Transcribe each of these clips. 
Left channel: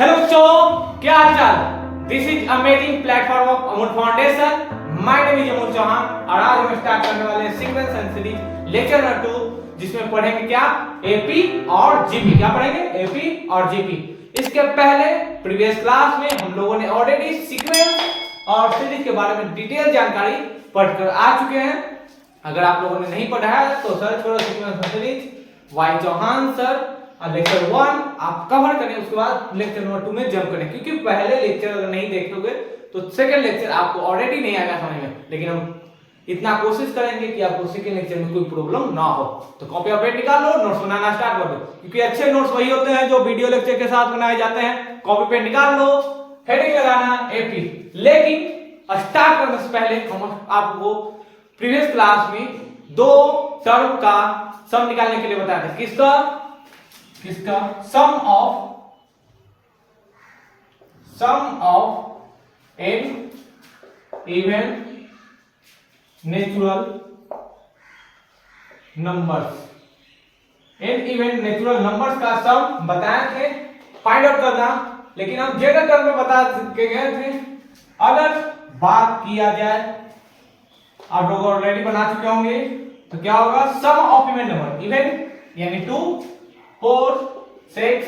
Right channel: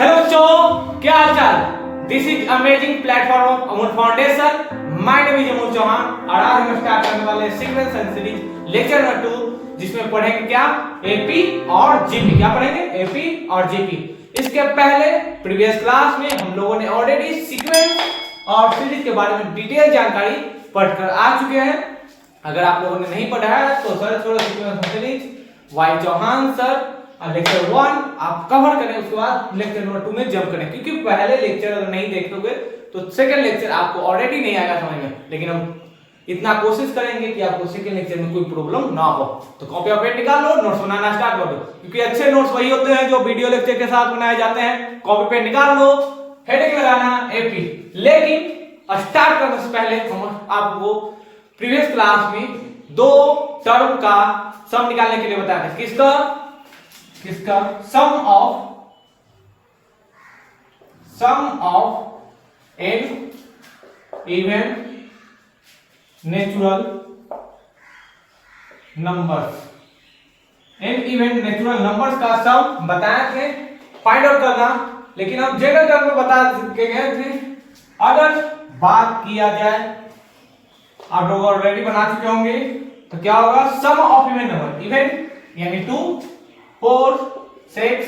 Hello बच्चों, क्या हाल चाल। This is amazing platform of Amul foundation. My name is Amul Chauhan और आज हम स्टार्ट करने वाले हैं sequence and series lecture number 2, जिसमें पढ़ेंगे क्या एपी और जीपी। क्या पढ़ेंगे? एपी और जीपी। इसके पहले प्रीवियस क्लास में हम लोगों ने ऑलरेडी सीक्वेंस और सीरीज के बारे में डिटेल जानकारी पढ़कर आ चुके हैं। अगर आप लोगों ने नहीं पढ़ा है तो सर्च करो सीक्वेंस और series by Chauhan sir lecture 1 आप कवर करें, उसके बाद लेक्चर नंबर 2 में जंप करें, क्योंकि पहले लेक्चर अगर नहीं देखोगे तो सेकंड लेक्चर आपको ऑलरेडी नहीं आएगा समझ में। लेकिन हम इतना कोशिश करेंगे कि आपको सेकंड लेक्चर में कोई प्रॉब्लम ना हो। तो कॉपी और पेन निकाल लो, नोट्स बनाना स्टार्ट कर दो, क्योंकि अच्छे नोट्स वही होते हैं जो वीडियो लेक्चर के साथ बनाए जाते हैं। कॉपी पेन निकाल लो, हेडिंग लगाना एपी। लेकिन स्टार्ट करने से पहले हम आपको प्रीवियस क्लास में दो टर्म का सम निकालने के लिए बताया था। किसका sum of n even natural numbers. N even natural numbers का सम बताए थे, फाइंड आउट करना। लेकिन हम जनरल टर्म में बता के गए थे, अगर बात किया जाए, आप लोग ऑलरेडी बना चुके होंगे, तो क्या होगा sum of even number. Even यानी 2 4 6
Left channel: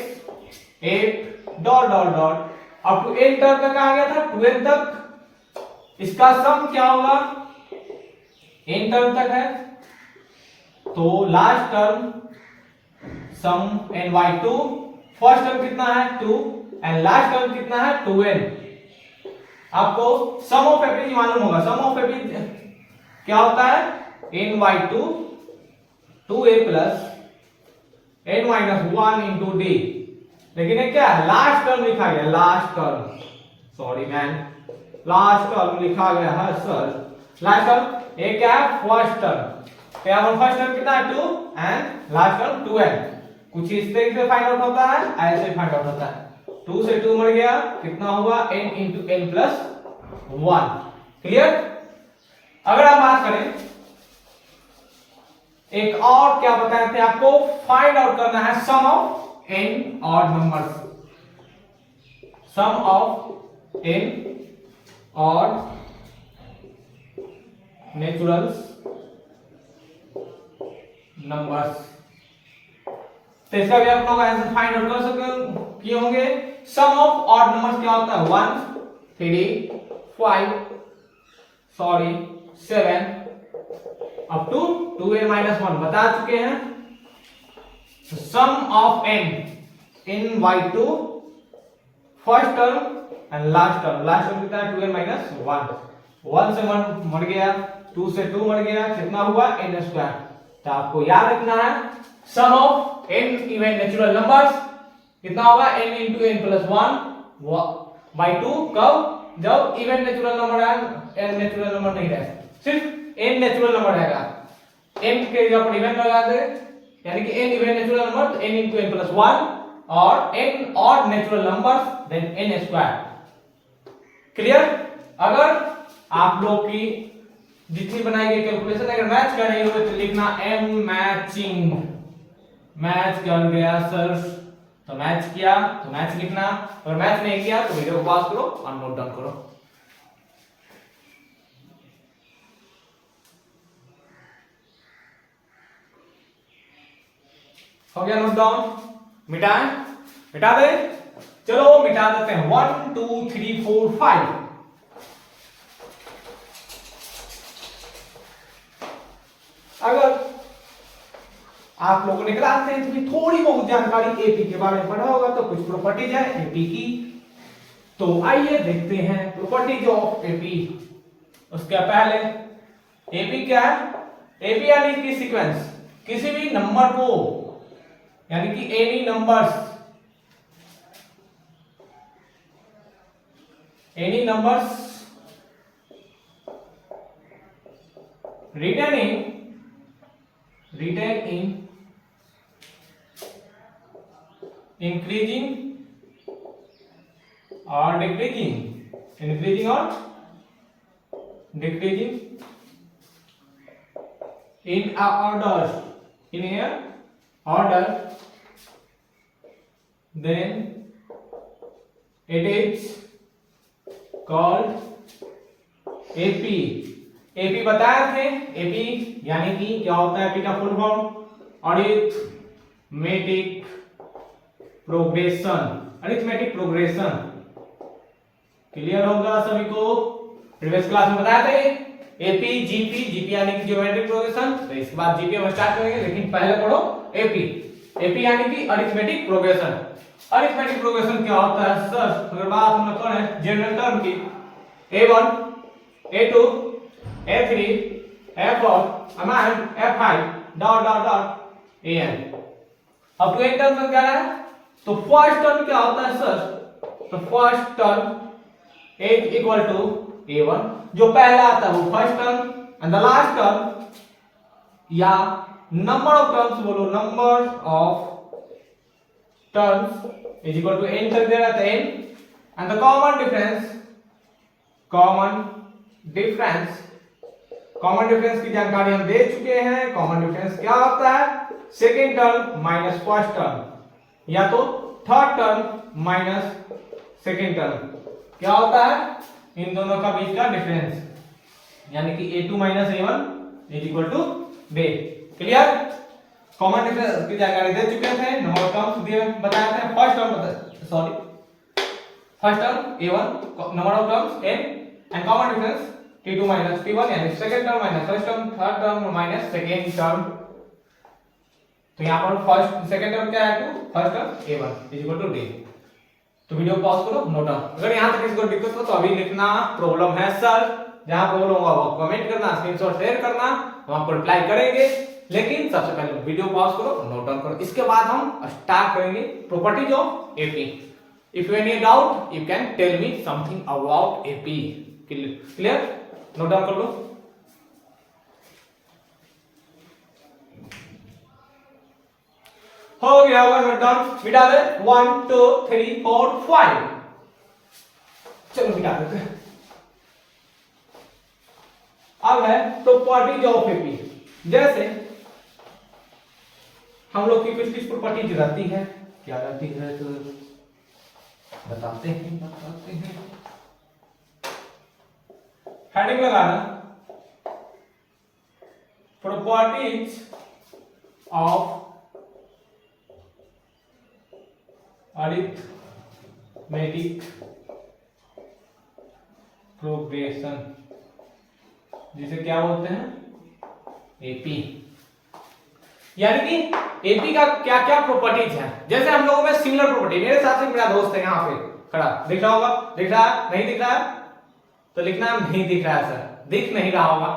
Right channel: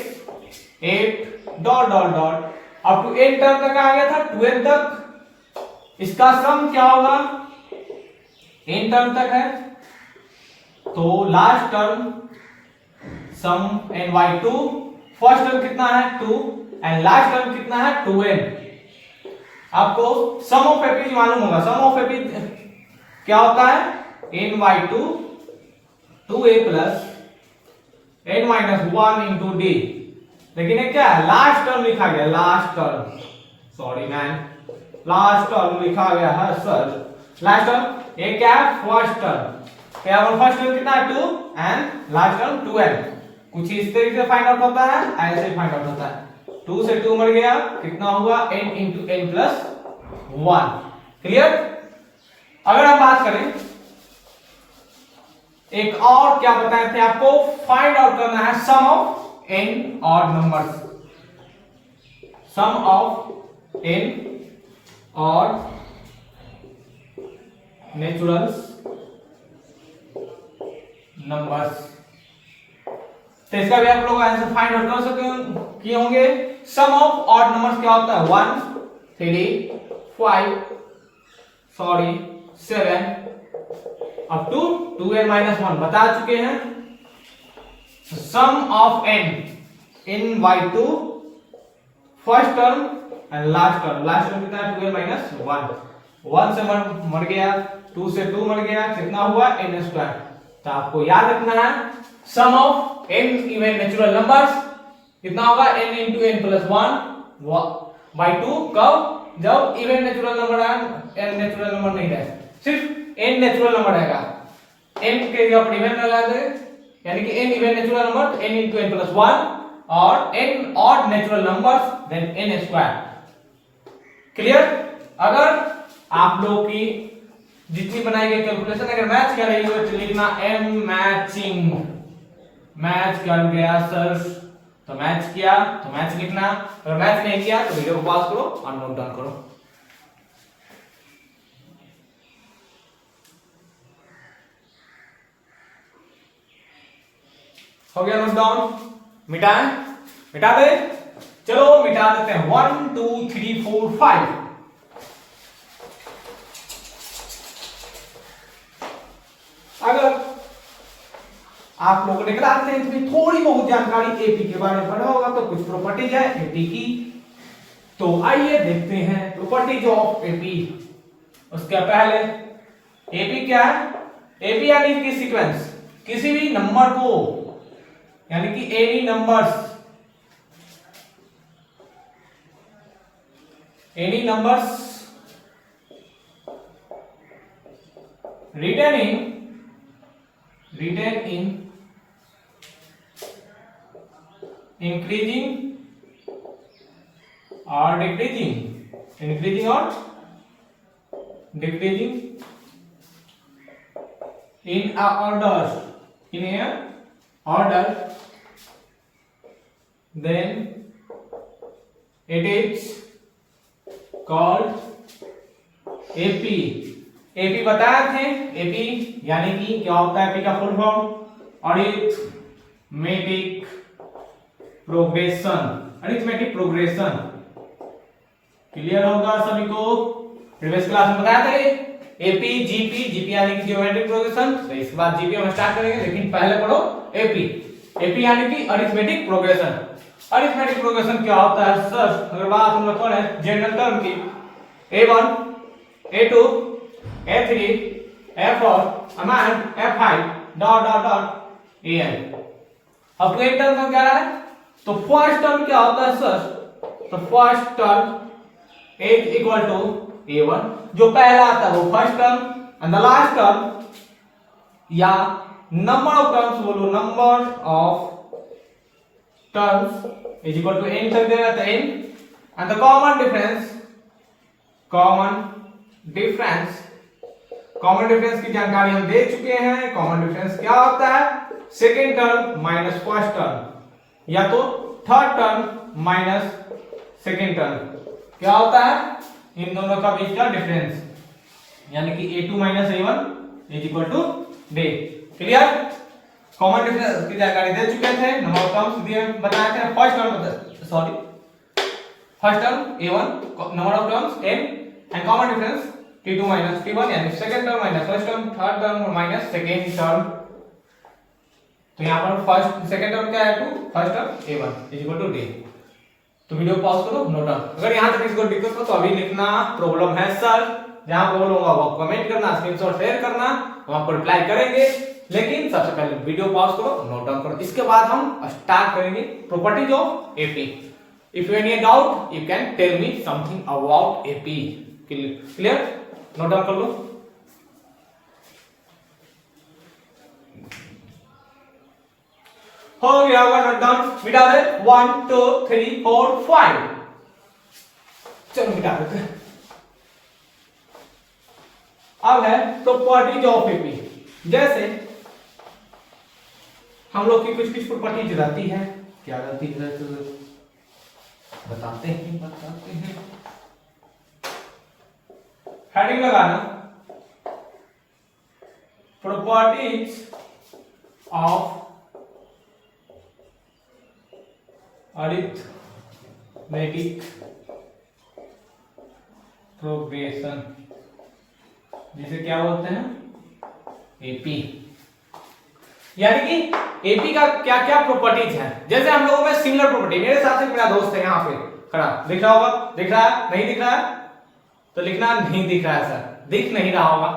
8 dot dot dot up to 8 term तक आ गया था, 12 तक। इसका सम क्या होगा? n टर्म तक है तो last term sum n by 2। First term कितना है 2 एंड लास्ट टर्म कितना है 2n। आपको सम ऑफ एपी मालूम होगा। सम ऑफ एपी क्या होता है? n by 2 2a plus n minus 1 into D. लेकिन ये क्या है? लास्ट टर्म लिखा गया, last term, sorry man, last term लिखा गया है सर। लास्ट टर्म ये क्या है? First term. यहाँ पर फर्स्ट टर्म कितना है 2 एंड लास्ट टर्म 2n। कुछ इस तरीके से फाइंड आउट होता है, ऐसे ही फाइंड आउट होता है। 2 से 2 मर गया, कितना हुआ? n into n plus 1। Clear? अगर आप बात करें, एक और क्या बताए थे आपको, फाइंड आउट करना है sum of n odd numbers. Sum of n odd naturals numbers. तो इसका भी आप लोग आंसर फाइंड आउट कर सकते किए होंगे। सम ऑफ ऑड नंबर्स क्या होता है? 1 3 5 sorry 7 up to 2n minus 1 बता चुके हैं। Sum of n by 2 first term and last term. Last term कितना है? 2n minus 1। 1 से 1 मर गया, 2 से 2 मर गया, कितना हुआ? n square. तो आपको याद रखना है sum of n even natural numbers कितना होगा? n into n plus 1 by 2। कब? जब इवन नेचुरल नंबर है, n नेचुरल नंबर नहीं रहे, सिर्फ n नेचुरल नंबर रहेगा। n के जगह पर इवन लगा दे, यानी कि n इवन नेचुरल नंबर तो n इंटू n प्लस 1 और n odd natural numbers then n square. Clear? अगर आप लोग की जितनी बनाई गई कैलकुलेशन अगर मैच कर रही हो तो लिखना m मैचिंग। मैच कर गया सर तो मैच किया तो मैच लिखना, अगर मैच नहीं किया तो वीडियो को पॉज करो और नोट डाउन करो। हो गया नोट डाउन? मिटाएं? मिटा दे? चलो मिटा देते हैं। 1 2 3 4 5। अगर आप लोगों ने क्लास में इतनी थोड़ी बहुत जानकारी एपी के बारे में पढ़ा होगा तो कुछ प्रॉपर्टीज है एपी की, तो आइए देखते हैं प्रॉपर्टीज ऑफ एपी। उसके पहले एपी क्या है? एपी यानी कि सीक्वेंस, किसी भी नंबर को, यानी कि any numbers written in increasing or decreasing in a order then it is called AP. AP बताए थे, एपी यानी कि क्या होता है, एपी का full form arithmetic progression. Arithmetic progression clear होगा सभी को। प्रीवियस क्लास में बताया था एपी जीपी, जीपी यानी कि ज्योमेट्रिक प्रोग्रेशन। तो इसके बाद जीपी हम स्टार्ट करेंगे, लेकिन पहले पढ़ो एपी। एपी यानी कि अरिथमेटिक प्रोग्रेशन। अरिथमेटिक प्रोग्रेशन क्या होता है सर? अगर बात हम लोग करें जनरल टर्म की, A1 A2 A3 A4 and A5 dot dot dot AN। अब तो एक टर्म समझा रहा है। तो फर्स्ट टर्म क्या होता है सर? तो first term is equal to A1, जो पहला आता है वो first term, and the last term या नंबर ऑफ टर्म्स बोलो, number of terms is equal to n कर देगा तो n, and the common difference की जानकारी हम दे चुके हैं। कॉमन डिफरेंस क्या होता है? Second term minus first term या तो third term minus second term. क्या होता है? इन दोनों का बीच का डिफरेंस, यानी कि A2 minus A1 is equal to d. Clear? Common difference की जानकारी दे चुके थे, नंबर ऑफ टर्म्स दिए बताए थे। First term A1, number of terms n, and common difference T2 minus T1 यानी second term minus first term, third term minus second term. तो यहां पर फर्स्ट सेकंड टर्म क्या है? 2, first term A1 is equal to d। तो video pause करो, note down. अगर यहां तक किसी को दिक्कत हो तो अभी लिखना प्रॉब्लम है सर, जहां प्रॉब्लम होगा वो कमेंट करना, स्क्रीनशॉट शेयर करना, हम आपको रिप्लाई करेंगे। लेकिन सबसे पहले वीडियो पॉज करो, नोट डाउन करो। इसके बाद हम स्टार्ट करेंगे properties of AP. If you any doubt you can tell me something about AP. Clear? Note down कर लो। हो गया होगा नोट डाउन। मिटा दे 1 2 3 4 5। चलो मिटा देते हैं। अब है प्रॉपर्टीज ऑफ एपी। जैसे हम लोग की कुछ प्रॉपर्टीज रहती है। क्या रहती है तो बताते हैं। हेडिंग लगाना, प्रॉपर्टीज ऑफ अरिथमेटिक प्रोग्रेशन, जिसे क्या बोलते हैं? एपी। यानी कि एपी का क्या क्या प्रॉपर्टीज है। जैसे हम लोगों में सिमिलर प्रॉपर्टी, मेरे साथ एक मेरा दोस्त है यहाँ पे खड़ा, दिख रहा होगा? दिख रहा है? नहीं दिख रहा है तो लिखना नहीं दिख रहा है सर, दिख नहीं रहा होगा।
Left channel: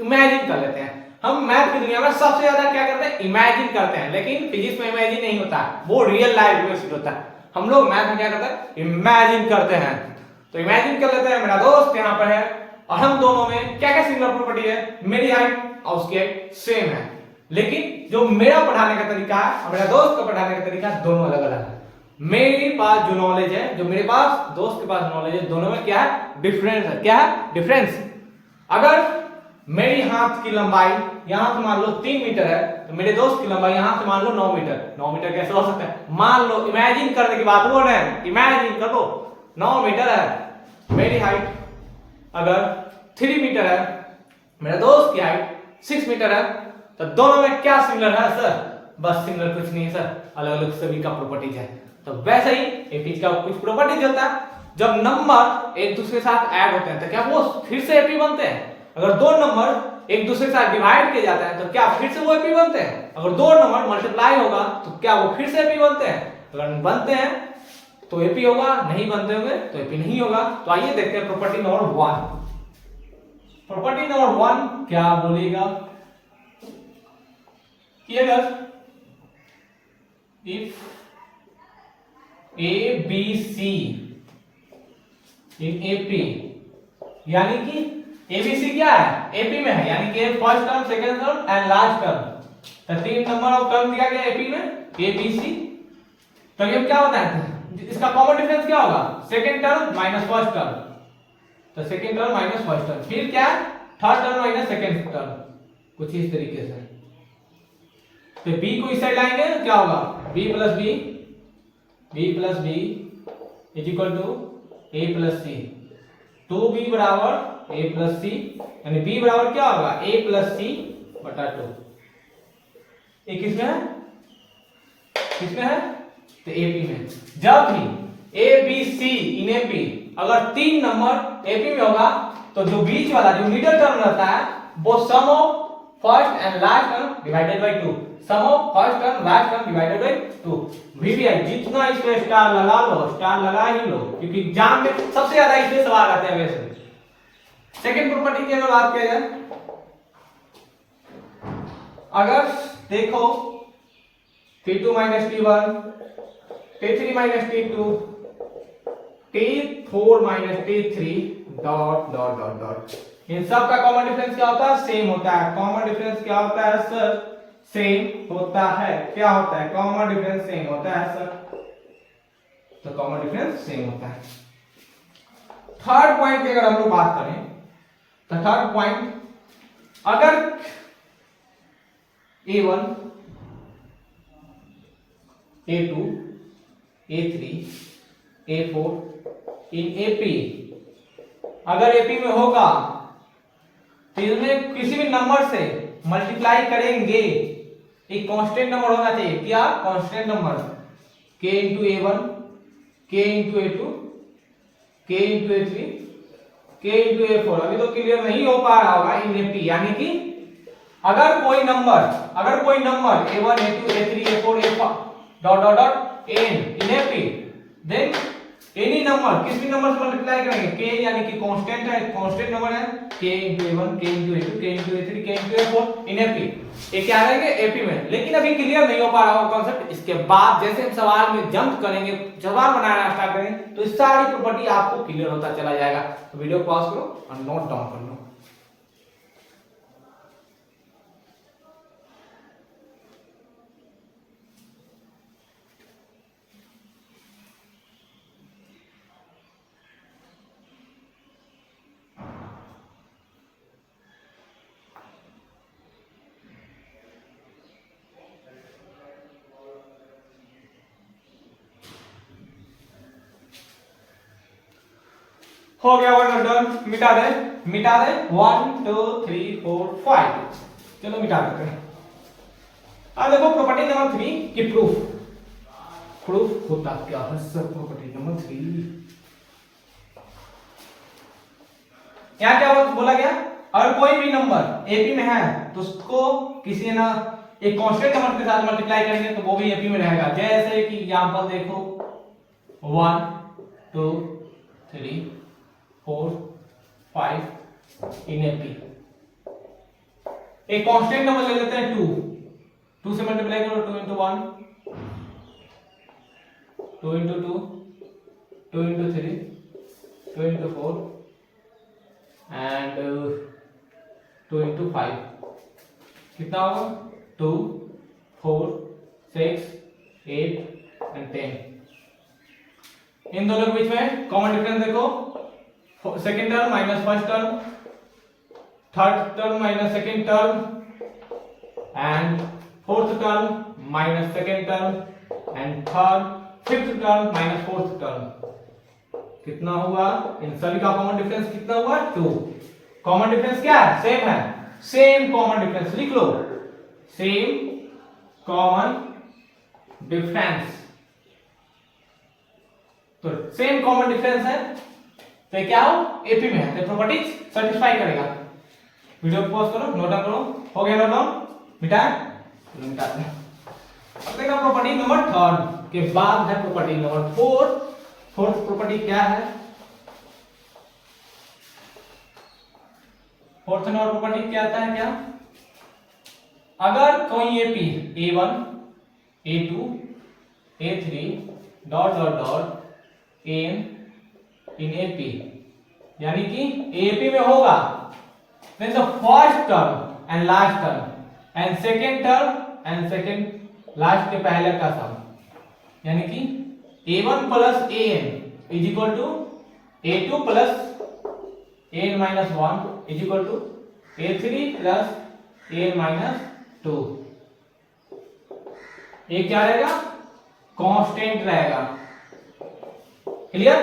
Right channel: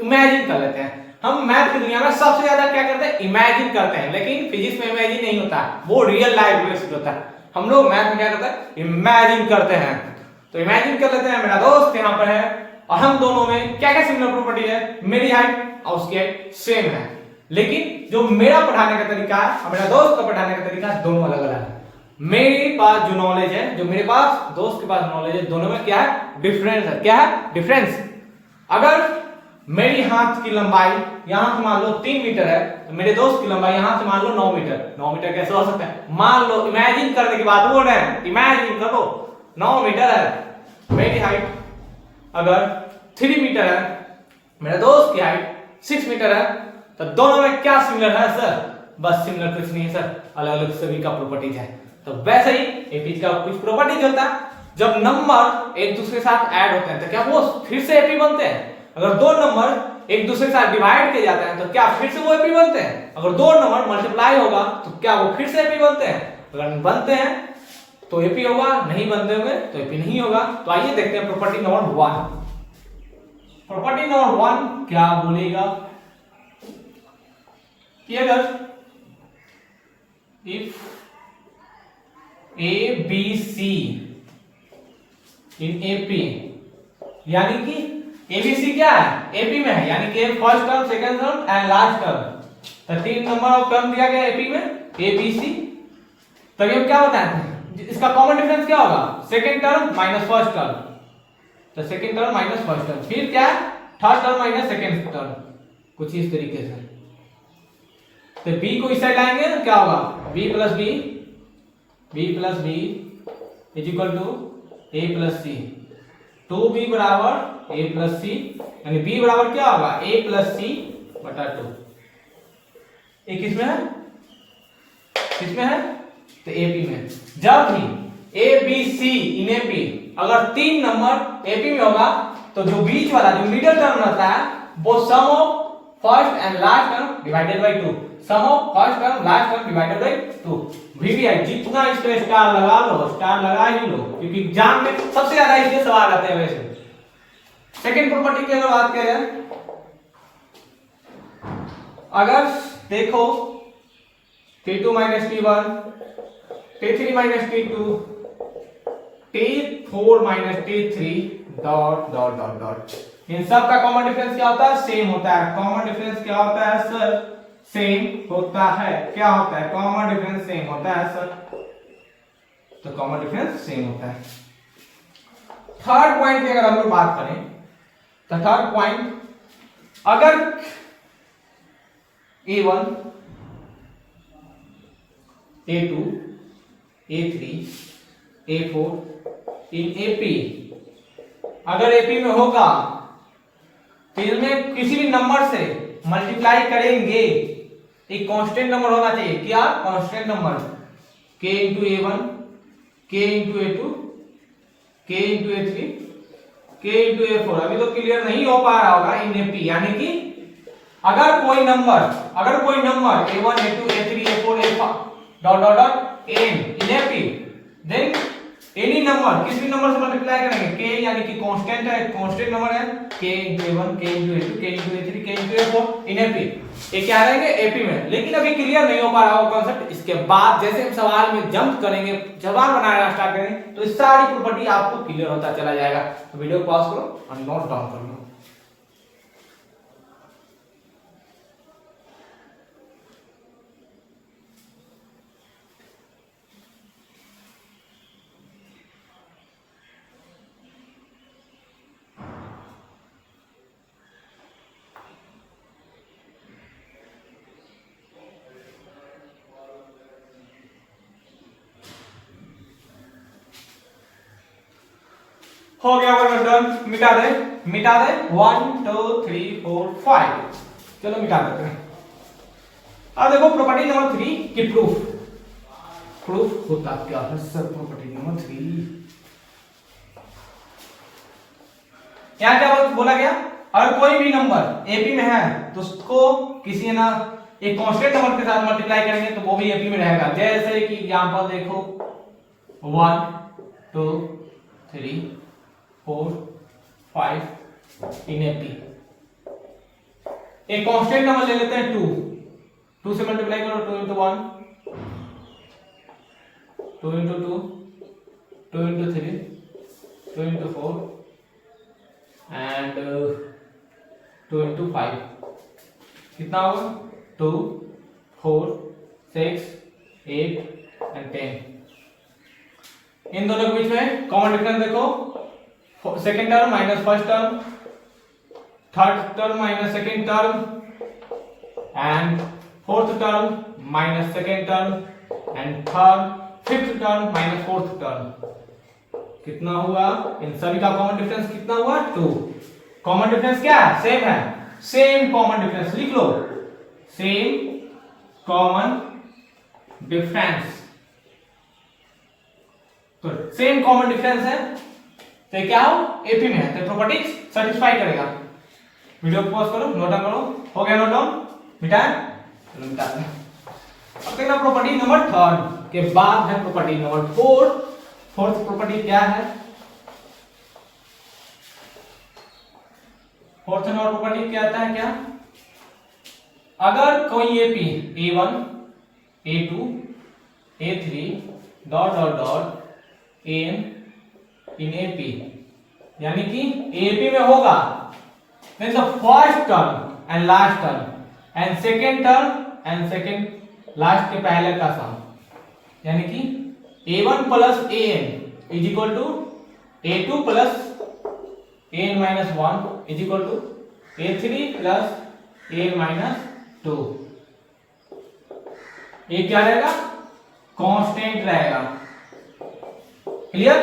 इमेजिन कर लेते हैं। हम मैथ की दुनिया में सबसे ज्यादा क्या करते हैं? इमेजिन करते हैं। लेकिन फिजिक्स में इमेजिन नहीं होता है, वो रियल लाइफ बेस्ड होता है। हम लोग मैथ में क्या करते हैं? इमेजिन करते हैं। तो इमेजिन कर लेते हैं मेरा दोस्त यहाँ पर है, और हम दोनों में क्या क्या सिमिलर प्रॉपर्टी है? मेरी हाइट और उसकी हाइट सेम है, लेकिन जो मेरा पढ़ाने का तरीका है और मेरा दोस्त का पढ़ाने का तरीका है, दोनों अलग अलग है। मेरे पास जो नॉलेज है, जो मेरे पास दोस्त के पास नॉलेज है, दोनों में क्या है? डिफरेंस है। क्या है? डिफरेंस। अगर मेरी हाथ की लंबाई यहां से मान लो 3 मीटर है, तो मेरे दोस्त की लंबाई यहां से मान लो 9 मीटर। 9 मीटर कैसे हो सकता है? मान लो, इमेजिन करने की बात बोल रहे हैं, इमेजिन करो 9 मीटर है। मेरी हाइट अगर 3 मीटर है, मेरे दोस्त की हाइट 6 मीटर है, तो दोनों में क्या सिमिलर है सर? बस सिमिलर कुछ नहीं है सर, अलग अलग सभी का प्रॉपर्टीज है। तो वैसे ही एपी का कुछ प्रॉपर्टीज होता है। जब नंबर एक दूसरे के साथ ऐड होते हैं तो क्या वो फिर से एपी बनते हैं? अगर दो नंबर एक दूसरे के साथ डिवाइड किए जाते हैं तो क्या फिर से वो एपी बनते हैं? अगर दो नंबर मल्टीप्लाई होगा तो क्या वो फिर से एपी बनते हैं? अगर बनते हैं तो एपी होगा, नहीं बनते होंगे तो एपी नहीं होगा। तो आइए देखते हैं प्रॉपर्टी नंबर 1। प्रॉपर्टी नंबर 1 क्या बोलेगा कि अगर if A B C in AP, यानी कि एबीसी क्या है? एपी में है, यानी कि first term, second term and last term. तो 3 नंबर ऑफ टर्म दिया गया एपी में, एबीसी। तो ये क्या बताते हैं? इसका कॉमन डिफरेंस क्या होगा? Second term minus first term. तो second term minus first term, फिर क्या है? Third term minus second term, कुछ इस तरीके से। तो बी को इस साइड लाएंगे तो क्या होगा? B plus B is equal to A plus C, 2b बराबर ए प्लस सी, यानी b बराबर क्या होगा ए प्लस सी बटा 2। ये किसमें है, किसमें है, तो एपी में। जब भी ए बी सी इन एपी अगर 3 नंबर एपी में होगा तो जो बीच वाला जो मिडिल टर्म रहता है वो sum of first and last term divided by 2, sum of first term last term divided by 2। VVI जितना इस पे स्टार लगा लो, स्टार लगा ही लो, क्योंकि एग्जाम में सबसे ज्यादा इस पे सवाल आते हैं। वैसे सेकंड प्रॉपर्टी की अगर बात किया जाए, अगर देखो T2 minus T1, T3 minus T2, T4 minus T3 dot dot dot dot, इन सब का कॉमन डिफरेंस क्या होता है, सेम होता है। कॉमन डिफरेंस क्या होता है सर, सेम होता है। क्या होता है, कॉमन डिफरेंस सेम होता है सर, तो कॉमन डिफरेंस सेम होता है। थर्ड पॉइंट की अगर हम लोग बात करें तो थर्ड पॉइंट, अगर A1 A2 A3 A4 इन AP अगर AP में होगा तो इसमें किसी भी नंबर से मल्टीप्लाई करेंगे, एक कांस्टेंट नंबर होना चाहिए। क्या constant number, k into A1, k into A2, k into A3, k into A4। अभी तो क्लियर नहीं हो पा रहा होगा इन AP, यानी कि अगर कोई number A1 A2 A3 A4 A5 dot dot dot n इन AP, देन एनी नंबर किसी भी नंबर से मल्टीप्लाई करेंगे, k यानी कि कांस्टेंट है, कांस्टेंट नंबर है, k into A1 k into A2 k into A3 k into A4 इन AP, ये क्या रहेंगे AP में। लेकिन अभी क्लियर नहीं हो पा रहा होगा कॉन्सेप्ट। इसके बाद जैसे हम सवाल में जंप करेंगे, सवाल बनाना स्टार्ट करेंगे, तो इस सारी प्रॉपर्टी आपको क्लियर होता चला जाएगा। तो वीडियो पॉज करो और नोट डाउन कर लो। हो गया वो डन, मिटा दे 1 2 3 4 5, चलो मिटा देते हैं। अब देखो प्रॉपर्टी नंबर 3 की प्रूफ होता क्या है सर। प्रॉपर्टी नंबर 3 यहाँ क्या बोला गया, अगर कोई भी नंबर एपी में है तो उसको किसी ना एक कांस्टेंट नंबर के साथ मल्टीप्लाई करेंगे तो वो भी एपी में रहेगा। जैसे कि एग्जांपल देखो 1 2 3 4 5 इन एपी। एक कांस्टेंट नंबर ले लेते हैं 2 से मल्टीप्लाई करो, 2 into 1 2 into 2 2 into 3 2 into 4 and 2 into 5, कितना होगा 2 4 6 8 एंड 10। इन दोनों के बीच में कॉमन डिफरेंस देखो, second term minus first term, third term minus second term and fourth term minus second term and fifth term minus fourth term. कितना हुआ, इन सभी का कॉमन डिफरेंस कितना हुआ 2। कॉमन डिफरेंस क्या है, सेम है, सेम कॉमन डिफरेंस लिख लो, सेम कॉमन डिफरेंस। तो सेम कॉमन डिफरेंस है तो क्या हो एपी में है, तो प्रॉपर्टी सेटिस्फाई करेगा। वीडियो पॉज करो, नोट डाउन करो। हो गया नोट डाउन, मिटाएं, चलो मिटा दें। अब देखना प्रॉपर्टी नंबर 3 के बाद है प्रॉपर्टी नंबर 4। फोर्थ प्रॉपर्टी क्या है, फोर्थ नंबर प्रॉपर्टी क्या आता है, क्या अगर कोई AP A1 A2 A3 dot dot dot N in AP, यानी कि एपी में होगा means the first term and last term and second term and second last के पहले का सम, यानी कि A1 plus an is equal to A2 plus an minus 1 is equal to A3 plus an minus 2। ये क्या रहेगा, constant रहेगा। Clear.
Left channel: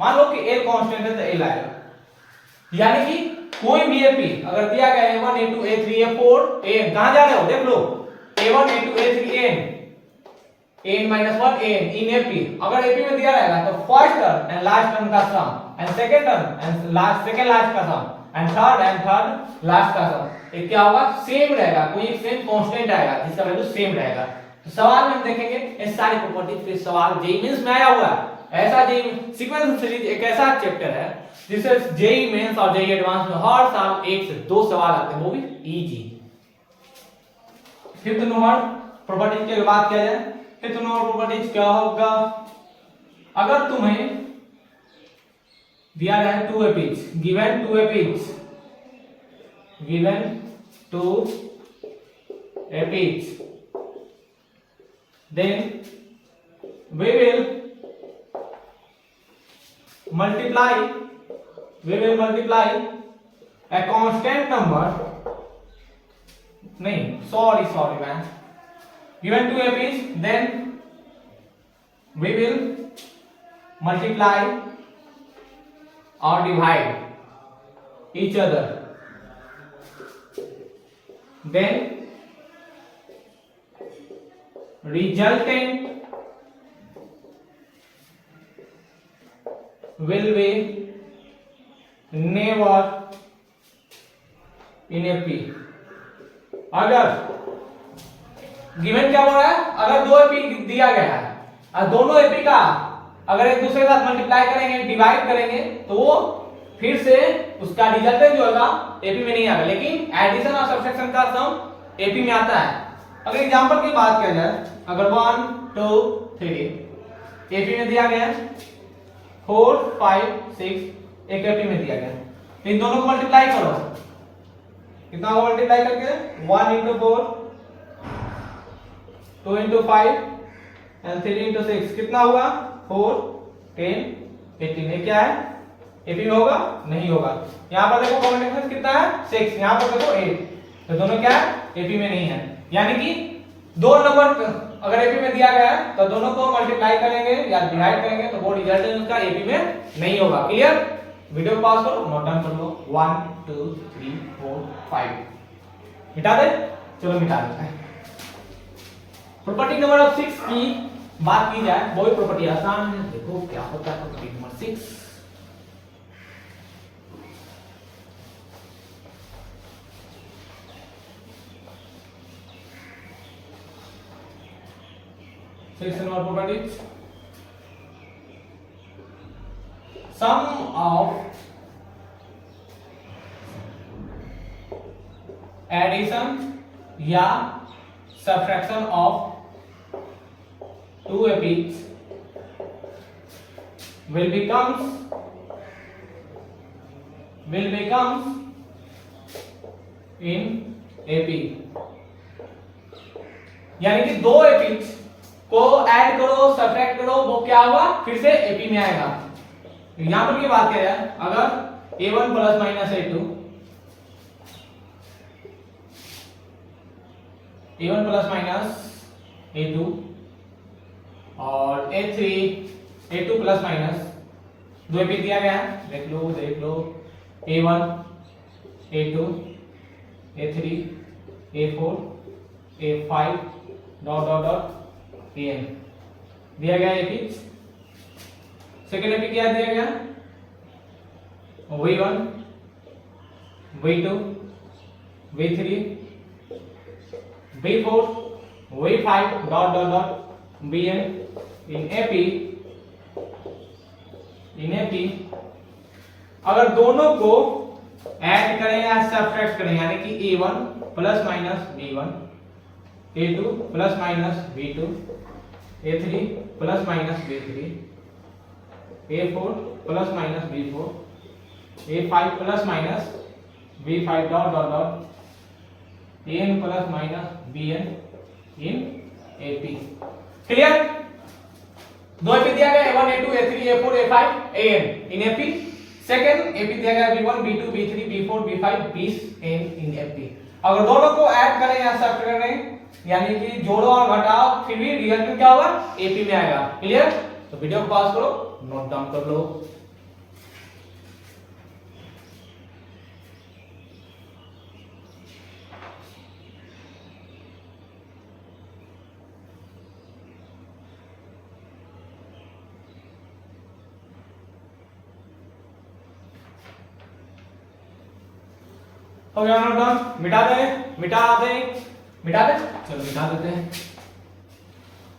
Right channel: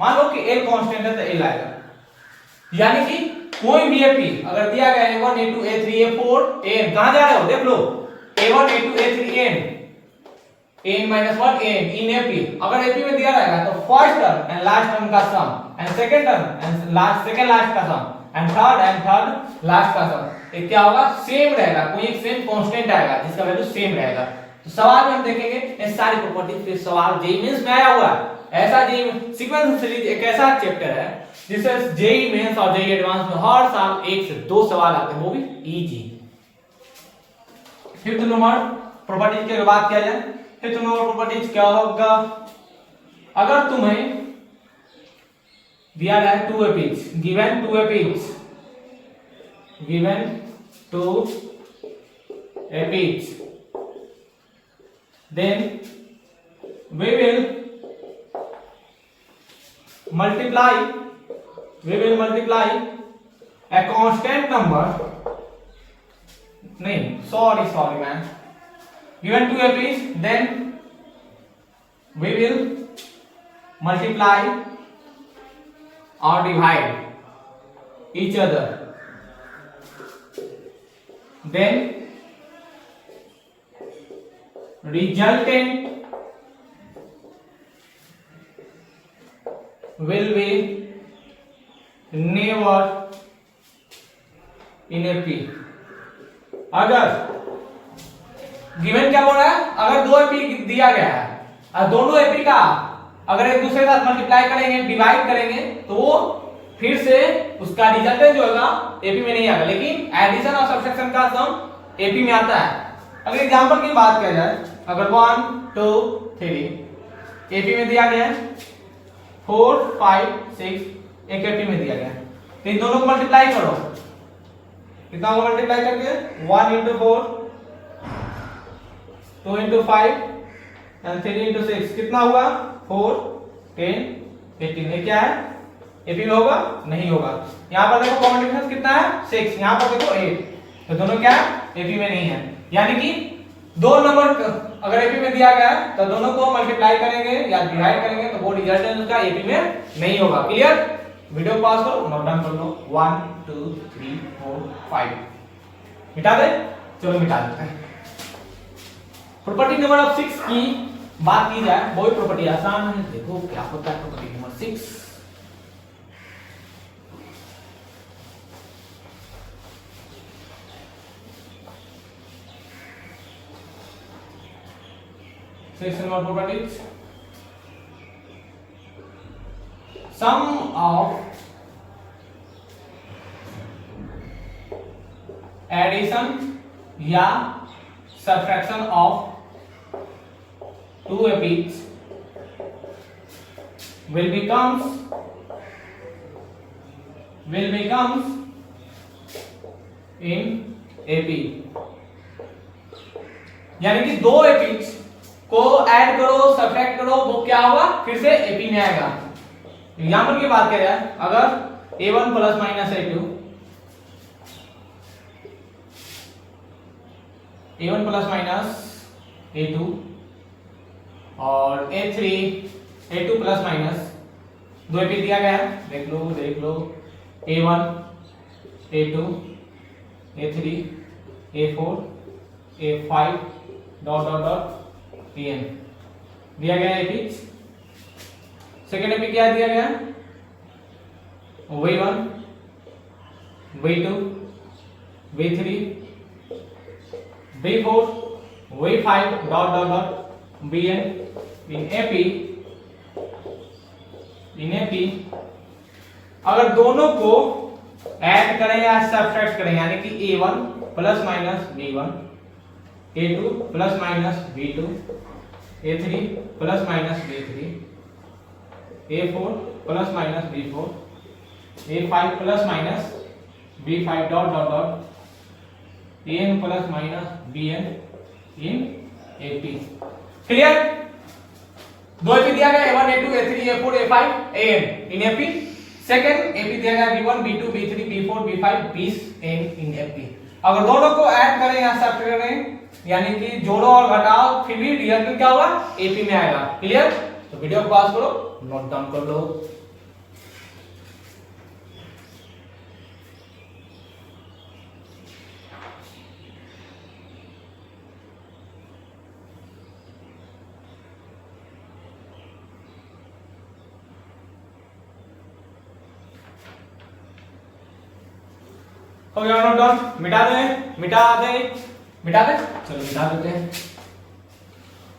मान लो कि L कांस्टेंट है तो L आएगा, यानी कि कोई भी एपी अगर दिया गया A1 A2 A3 A4 An, कहां जा रहे हो देख लो, A1 A2 A3 An -1 An in AP, अगर एपी में दिया रहेगा तो first term and last term का sum and second term and second last का सम एंड थर्ड लास्ट का सम, ये क्या होगा, सेम रहेगा, कोई एक सेम कांस्टेंट आएगा जिसका वैल्यू सेम रहेगा। तो सवाल में हम देखेंगे ये सारी प्रॉपर्टी, फिर सवाल जेईई मेंस में आया हुआ है। ऐसा जेईई सीक्वेंस सीरीज एक ऐसा चैप्टर है जिससे जेईई मेंस और जेईई एडवांस में हर साल 1 से 2 सवाल आते हैं, वो भी इजी। फिफ्थ नंबर प्रॉपर्टी की बात किया जाए, फिफ्थ नंबर प्रॉपर्टी क्या होगा, अगर तुम्हें दिया जाए 2 APs, given 2 APs, given 2 APs, then we will multiply a constant number, नहीं sorry man, given 2 epics, then we will multiply or divide each other, then resultant will be never in a p। अगर given क्या बोल रहा है, अगर 2 AP दिया गया है और दोनों एपी का अगर एक दूसरे के साथ मल्टीप्लाई करेंगे, डिवाइड करेंगे, तो वो फिर से उसका रिजल्टेंट जो होगा एपी में नहीं आएगा, लेकिन एडिशन और सब्ट्रैक्शन का सम एपी में आता है। अगर एग्जांपल की बात किया जाए, अगर 1 2 3 एपी में दिया गया है, 4 5 6 एक एपी में दिया गया है, तो इन दोनों को मल्टीप्लाई करो, कितना होगा मल्टीप्लाई करके, 1 into 4 2 into 5 एंड 3 into 6 कितना हुआ, 4 10 18, ये क्या है एपी में होगा, नहीं होगा। यहाँ पर देखो कॉमन डिफरेंस कितना है 6, यहाँ पर देखो 8, तो दोनों क्या है एपी में नहीं है, यानी कि दो नंबर अगर एपी में दिया गया है तो दोनों को मल्टीप्लाई करेंगे या डिवाइड करेंगे तो वो रिजल्टेंट उसका एपी में नहीं होगा। क्लियर, वीडियो पॉज करो, नोट डाउन कर लो, 1 2 3 4 5 मिटा दे, चलो मिटा देते हैं। प्रॉपर्टी नंबर 6 की बात की जाए, वही प्रॉपर्टी आसान है, देखो क्या होता है property number 6। Number properties, sum of addition या subtraction of 2 epics will becomes in AP, यानी कि 2 epics को ऐड करो सब्ट्रैक्ट करो, वो क्या होगा फिर से एपी में आएगा। यहां पर की बात करें अगर a1 plus minus a2, a1 plus minus a2 और a3 a2 plus minus, 2 AP दिया गया है, देख लो a1 a2 a3 a4 a5 dot dot dot An दिया गया एपी। सेकेंड एपी क्या दिया गया, V1 V2 V3 V4 V5 dot dot dot Bn इन एपी। अगर दोनों को ऐड करें या सब्ट्रैक्ट करें, यानी कि a1 plus minus b1, a2 plus minus b2, a3 plus minus b3, a4 plus minus b4, a5 plus minus b5 dot dot dot an plus minus bn in ap। Clear, 2 AP दिया गया a1 a2 a3 a4 a5 an in ap। Second AP दिया गया b1 b2 b3 b4 b5 20 इन ap। अगर दोनों को add करें या subtract करें, यानी कि जोड़ो और घटाओ, फिर भी रिजल्ट क्या होगा एपी में आएगा। क्लियर, तो वीडियो को पॉज करो, नोट डाउन कर लो। हो गया नोट डाउन, मिटा दे चलो मिटा देते हैं।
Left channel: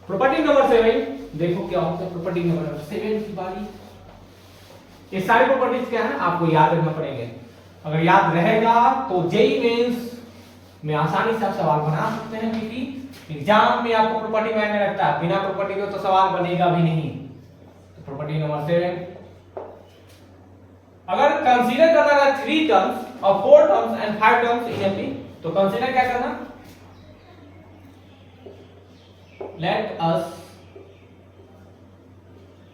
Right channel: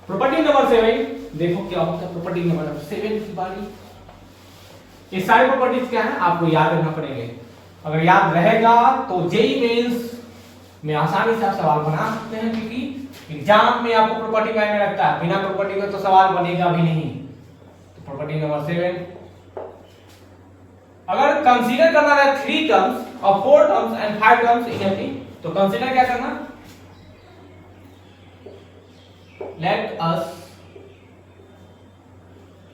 प्रॉपर्टी नंबर 7 देखो क्या होता है। प्रॉपर्टी नंबर 7 की बारी। ये सारी प्रॉपर्टीज क्या है आपको याद रखना पड़ेगा। अगर याद रहेगा तो जेईई मेंस में आसानी से आप सवाल बना सकते हैं, क्योंकि एग्जाम में आपको प्रॉपर्टी मायने रखता है, बिना प्रॉपर्टी के तो सवाल बनेगा भी नहीं। तो प्रॉपर्टी नंबर 7, अगर कंसीडर करना है 3 टर्म्स और 4 terms and 5 terms in AP, तो कंसीडर क्या करना, let us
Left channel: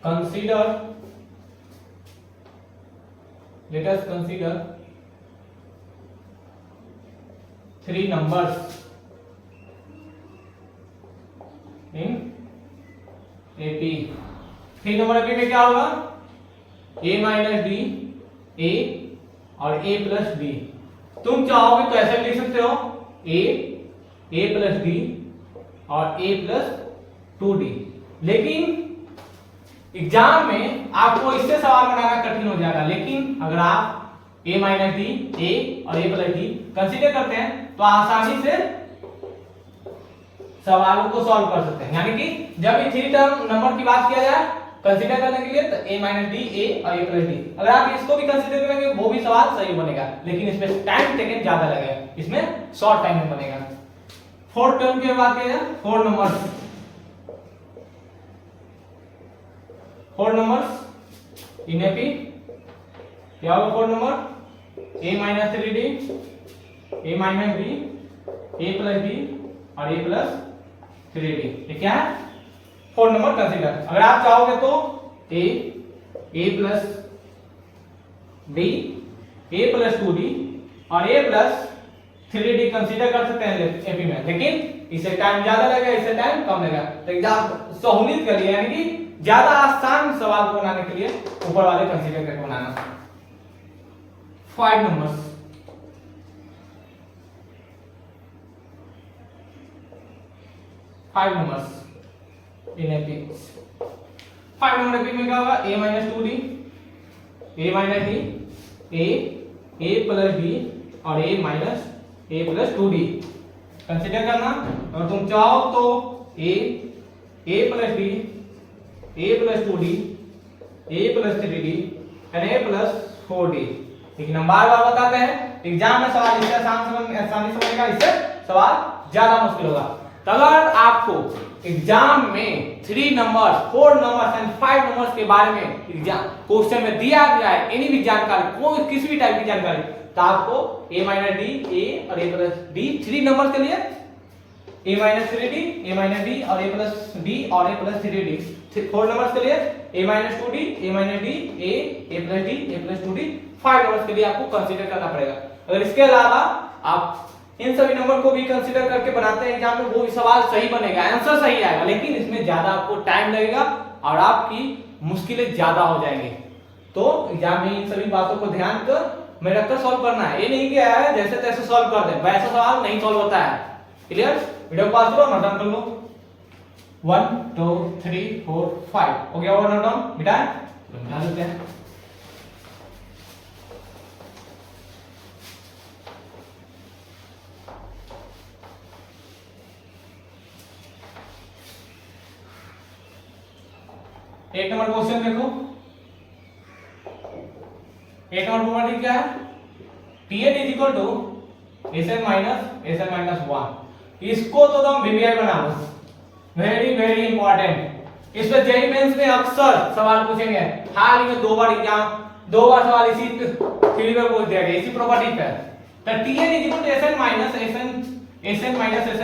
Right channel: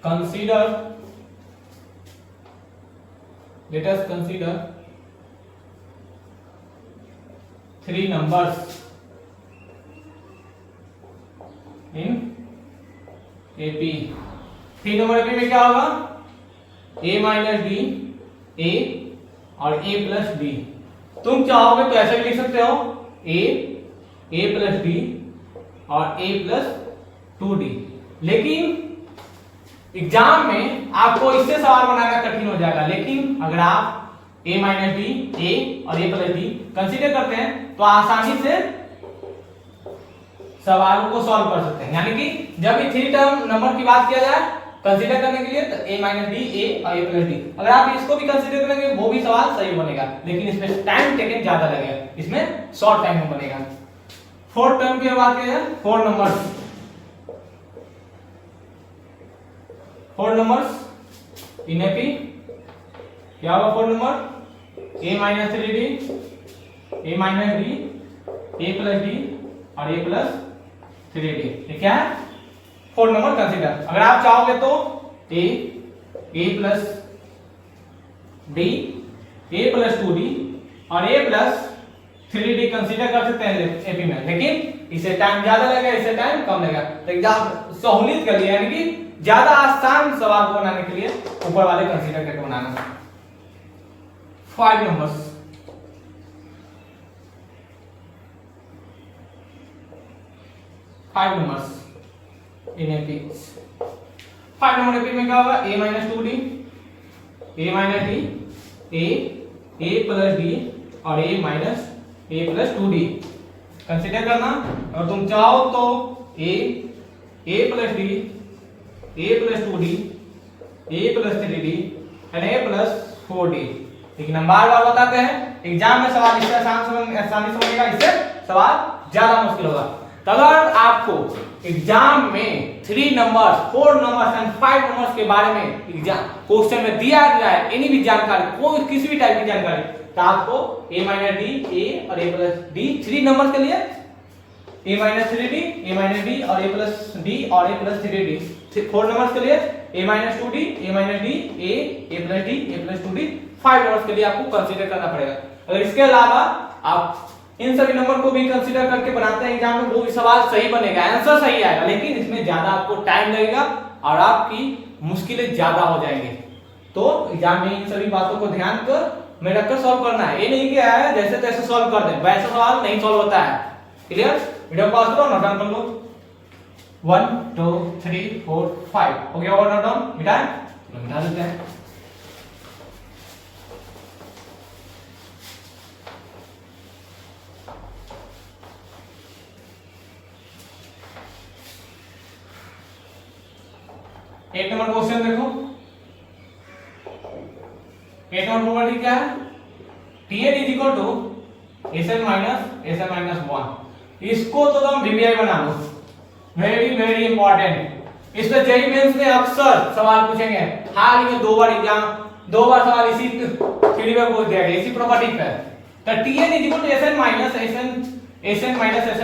consider 3 numbers in AP। 3 number AP में क्या होगा, a माइनस डी, a और a प्लस डी। तुम चाहोगे तो ऐसा भी लिख सकते हो a प्लस डी और a प्लस 2d। लेकिन एग्जाम में आपको इससे सवाल बनाना कठिन हो जाएगा। लेकिन अगर आप a माइनस डी, a और a प्लस डी कंसीडर करते हैं तो आसानी से सवालों को सॉल्व कर सकते हैं। यानी कि जब ये 3 टर्म नंबर की बात किया जाए कंसीडर करने के लिए, तो a माइनस डी, a और a प्लस डी, अगर आप इसको भी कंसीडर करेंगे वो भी सवाल सही बनेगा, लेकिन इसमें टाइम टेकन ज्यादा लगेगा, इसमें शॉर्ट टाइम में बनेगा। 4 टर्म की बात किया जाए, 4 नंबर्स इन एपी क्या होगा। 4 number a minus 3d, a minus D, a plus D और a प्लस 3d। ये क्या है, 4 नंबर कंसीडर। अगर आप चाहोगे तो a plus D, a plus 2d और a प्लस 3d कंसीडर कर सकते हैं एपी में, लेकिन इसे टाइम ज्यादा लगेगा, इसे टाइम कम लगेगा। तो एग्जाम सहूलियत के लिए, यानी कि ज्यादा आसान सवाल को बनाने के लिए ऊपर वाले कंसीडर करके बनाना। 5 numbers in AP. 5 number AP में क्या होगा, a minus 2d, a minus D, a plus D और a minus a plus 2d consider करना। और तुम चाहो तो a plus D, a plus 2d, a plus 3d and a plus 4d। लेकिन हम बार बार बताते हैं एग्जाम में सवाल इससे आसानी से बनेगा, इससे सवाल ज्यादा मुश्किल होगा। तो अगर आपको एग्जाम में 3 नंबर, 4 नंबर्स एंड 5 नंबर्स के बारे में एग्जाम क्वेश्चन में दिया गया है, एनी भी जानकारी, कोई किसी भी टाइप की जानकारी, तो आपको a माइनस डी, a और a प्लस डी 3 नंबर के लिए a minus 3d, a minus D और a प्लस डी और a प्लस 3d। 4 नंबर्स के लिए a minus 2d, a minus D, a plus D, a plus 2d। 5 numbers के लिए आपको कंसीडर करना पड़ेगा। अगर इसके अलावा आप इन सभी नंबर को भी कंसीडर करके बनाते हैं एग्जाम में, वो भी सवाल सही बनेगा, आंसर सही आएगा, लेकिन इसमें ज्यादा आपको टाइम लगेगा और आपकी मुश्किलें ज्यादा हो जाएंगी। तो एग्जाम में इन सभी बातों को ध्यान में रखकर सॉल्व करना है। ये नहीं कि है जैसे तैसे सॉल्व कर दे, वैसा सवाल नहीं सॉल्व होता है। क्लियर? वीडियो पास करो, नोट डाउन कर लो। 1 2 3 4 5 हो गया। और नोट डाउन मिटाएं, चलो मिटा देते हैं। एक नंबर क्वेश्चन देखो। 8 नंबर प्रॉपर्टी क्या है, Tn is equal to Sn minus 1। इसको तो तुम वीवीआई बना लो, वेरी वेरी इंपॉर्टेंट। इस पे जेईई मेंस में अक्सर सवाल पूछेंगे, हाल ही में 2 बार सवाल इसी थ्योरी में पूछ दिया गया, इसी प्रॉपर्टी पे। तो Tn is equal to Sn minus Sn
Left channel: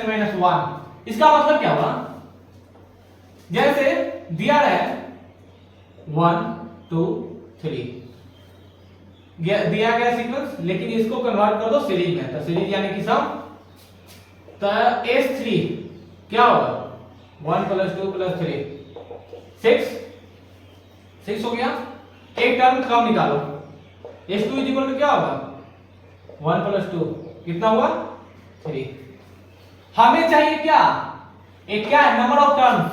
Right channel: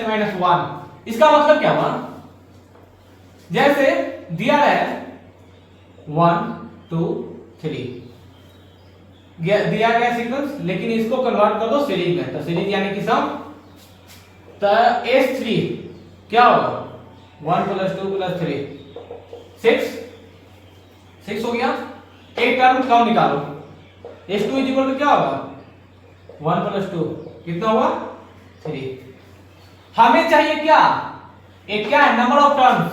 minus 1। इसका मतलब क्या हुआ, जैसे दिया है 1 2 3 दिया गया सीक्वेंस, लेकिन इसको कन्वर्ट कर दो सीरीज में। तो सीरीज यानी कि सम, तो S3 क्या होगा 1 + 2 + 3 6 6 हो गया। एक टर्म कम निकालो, s2 इज इक्वल टू क्या होगा 1 प्लस 2 कितना हुआ 3। हमें चाहिए क्या, एक क्या है number of terms,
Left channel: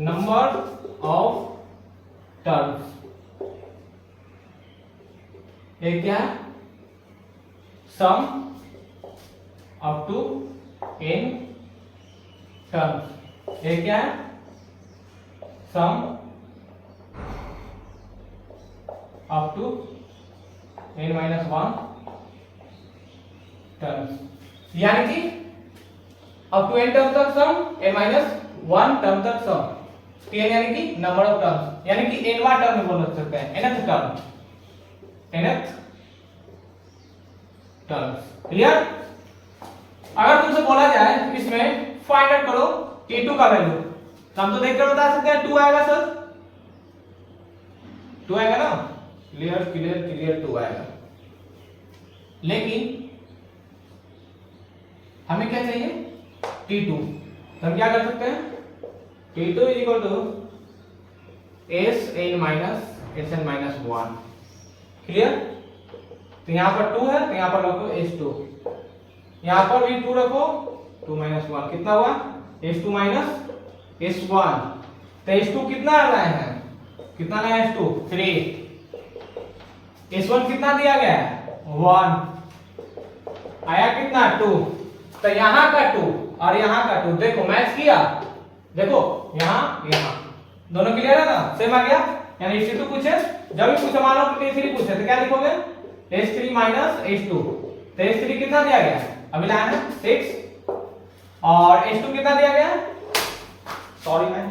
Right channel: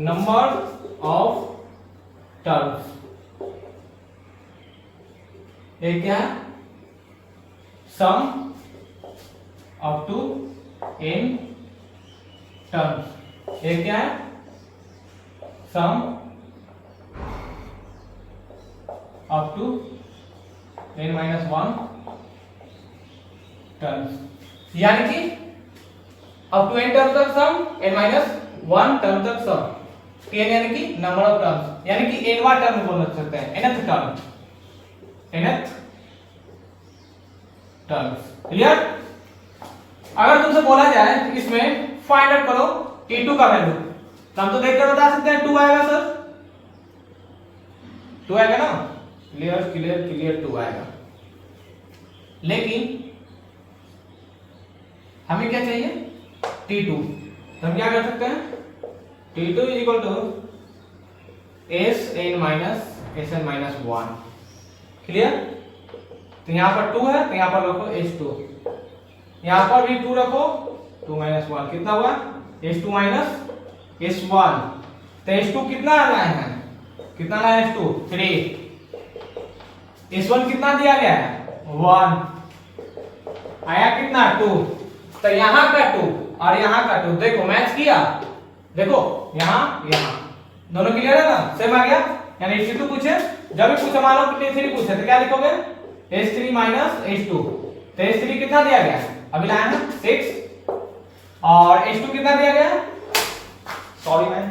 number of terms, एक क्या है sum up to n terms, एक क्या है sum up to n minus 1 terms, यानी कि अप टू n टर्म तक सम, n माइनस 1 टर्म तक सम, n यानी कि नंबर ऑफ टर्म्स, यानी कि nवां टर्म बोल सकते हैं, nth term, nth terms. Clear. अगर तुमसे बोला जाए इसमें फाइंड आउट करो k2 का वैल्यू, तो हम तो देखकर बता सकते हैं 2 आएगा सर, 2 आएगा ना, क्लियर क्लियर क्लियर 2 आएगा। लेकिन हमें क्या चाहिए t2, तो हम क्या कर सकते हैं t2 is equal to sn minus sn minus 1। Clear. तो यहां पर 2 है तो यहां पर रखो s2, यहां पर भी 2 रखो 2 माइनस 1 कितना हुआ s2 माइनस s1। तो s2 कितना लाए हैं, कितना लाए s2 3, s1 कितना दिया गया है 1, आया कितना 2। तो यहां का 2 और यहां का 2 देखो मैच किया, देखो यहां यहां दोनों क्लियर है ना, सेम आ गया। यानी s2 पूछे, जब भी पूछे मान लो t3 पूछे तो क्या लिखोगे s3 माइनस s2। तो s3 कितना दिया गया है, अभी लाया है 6, और s2 कितना दिया गया है, सॉरी मैन,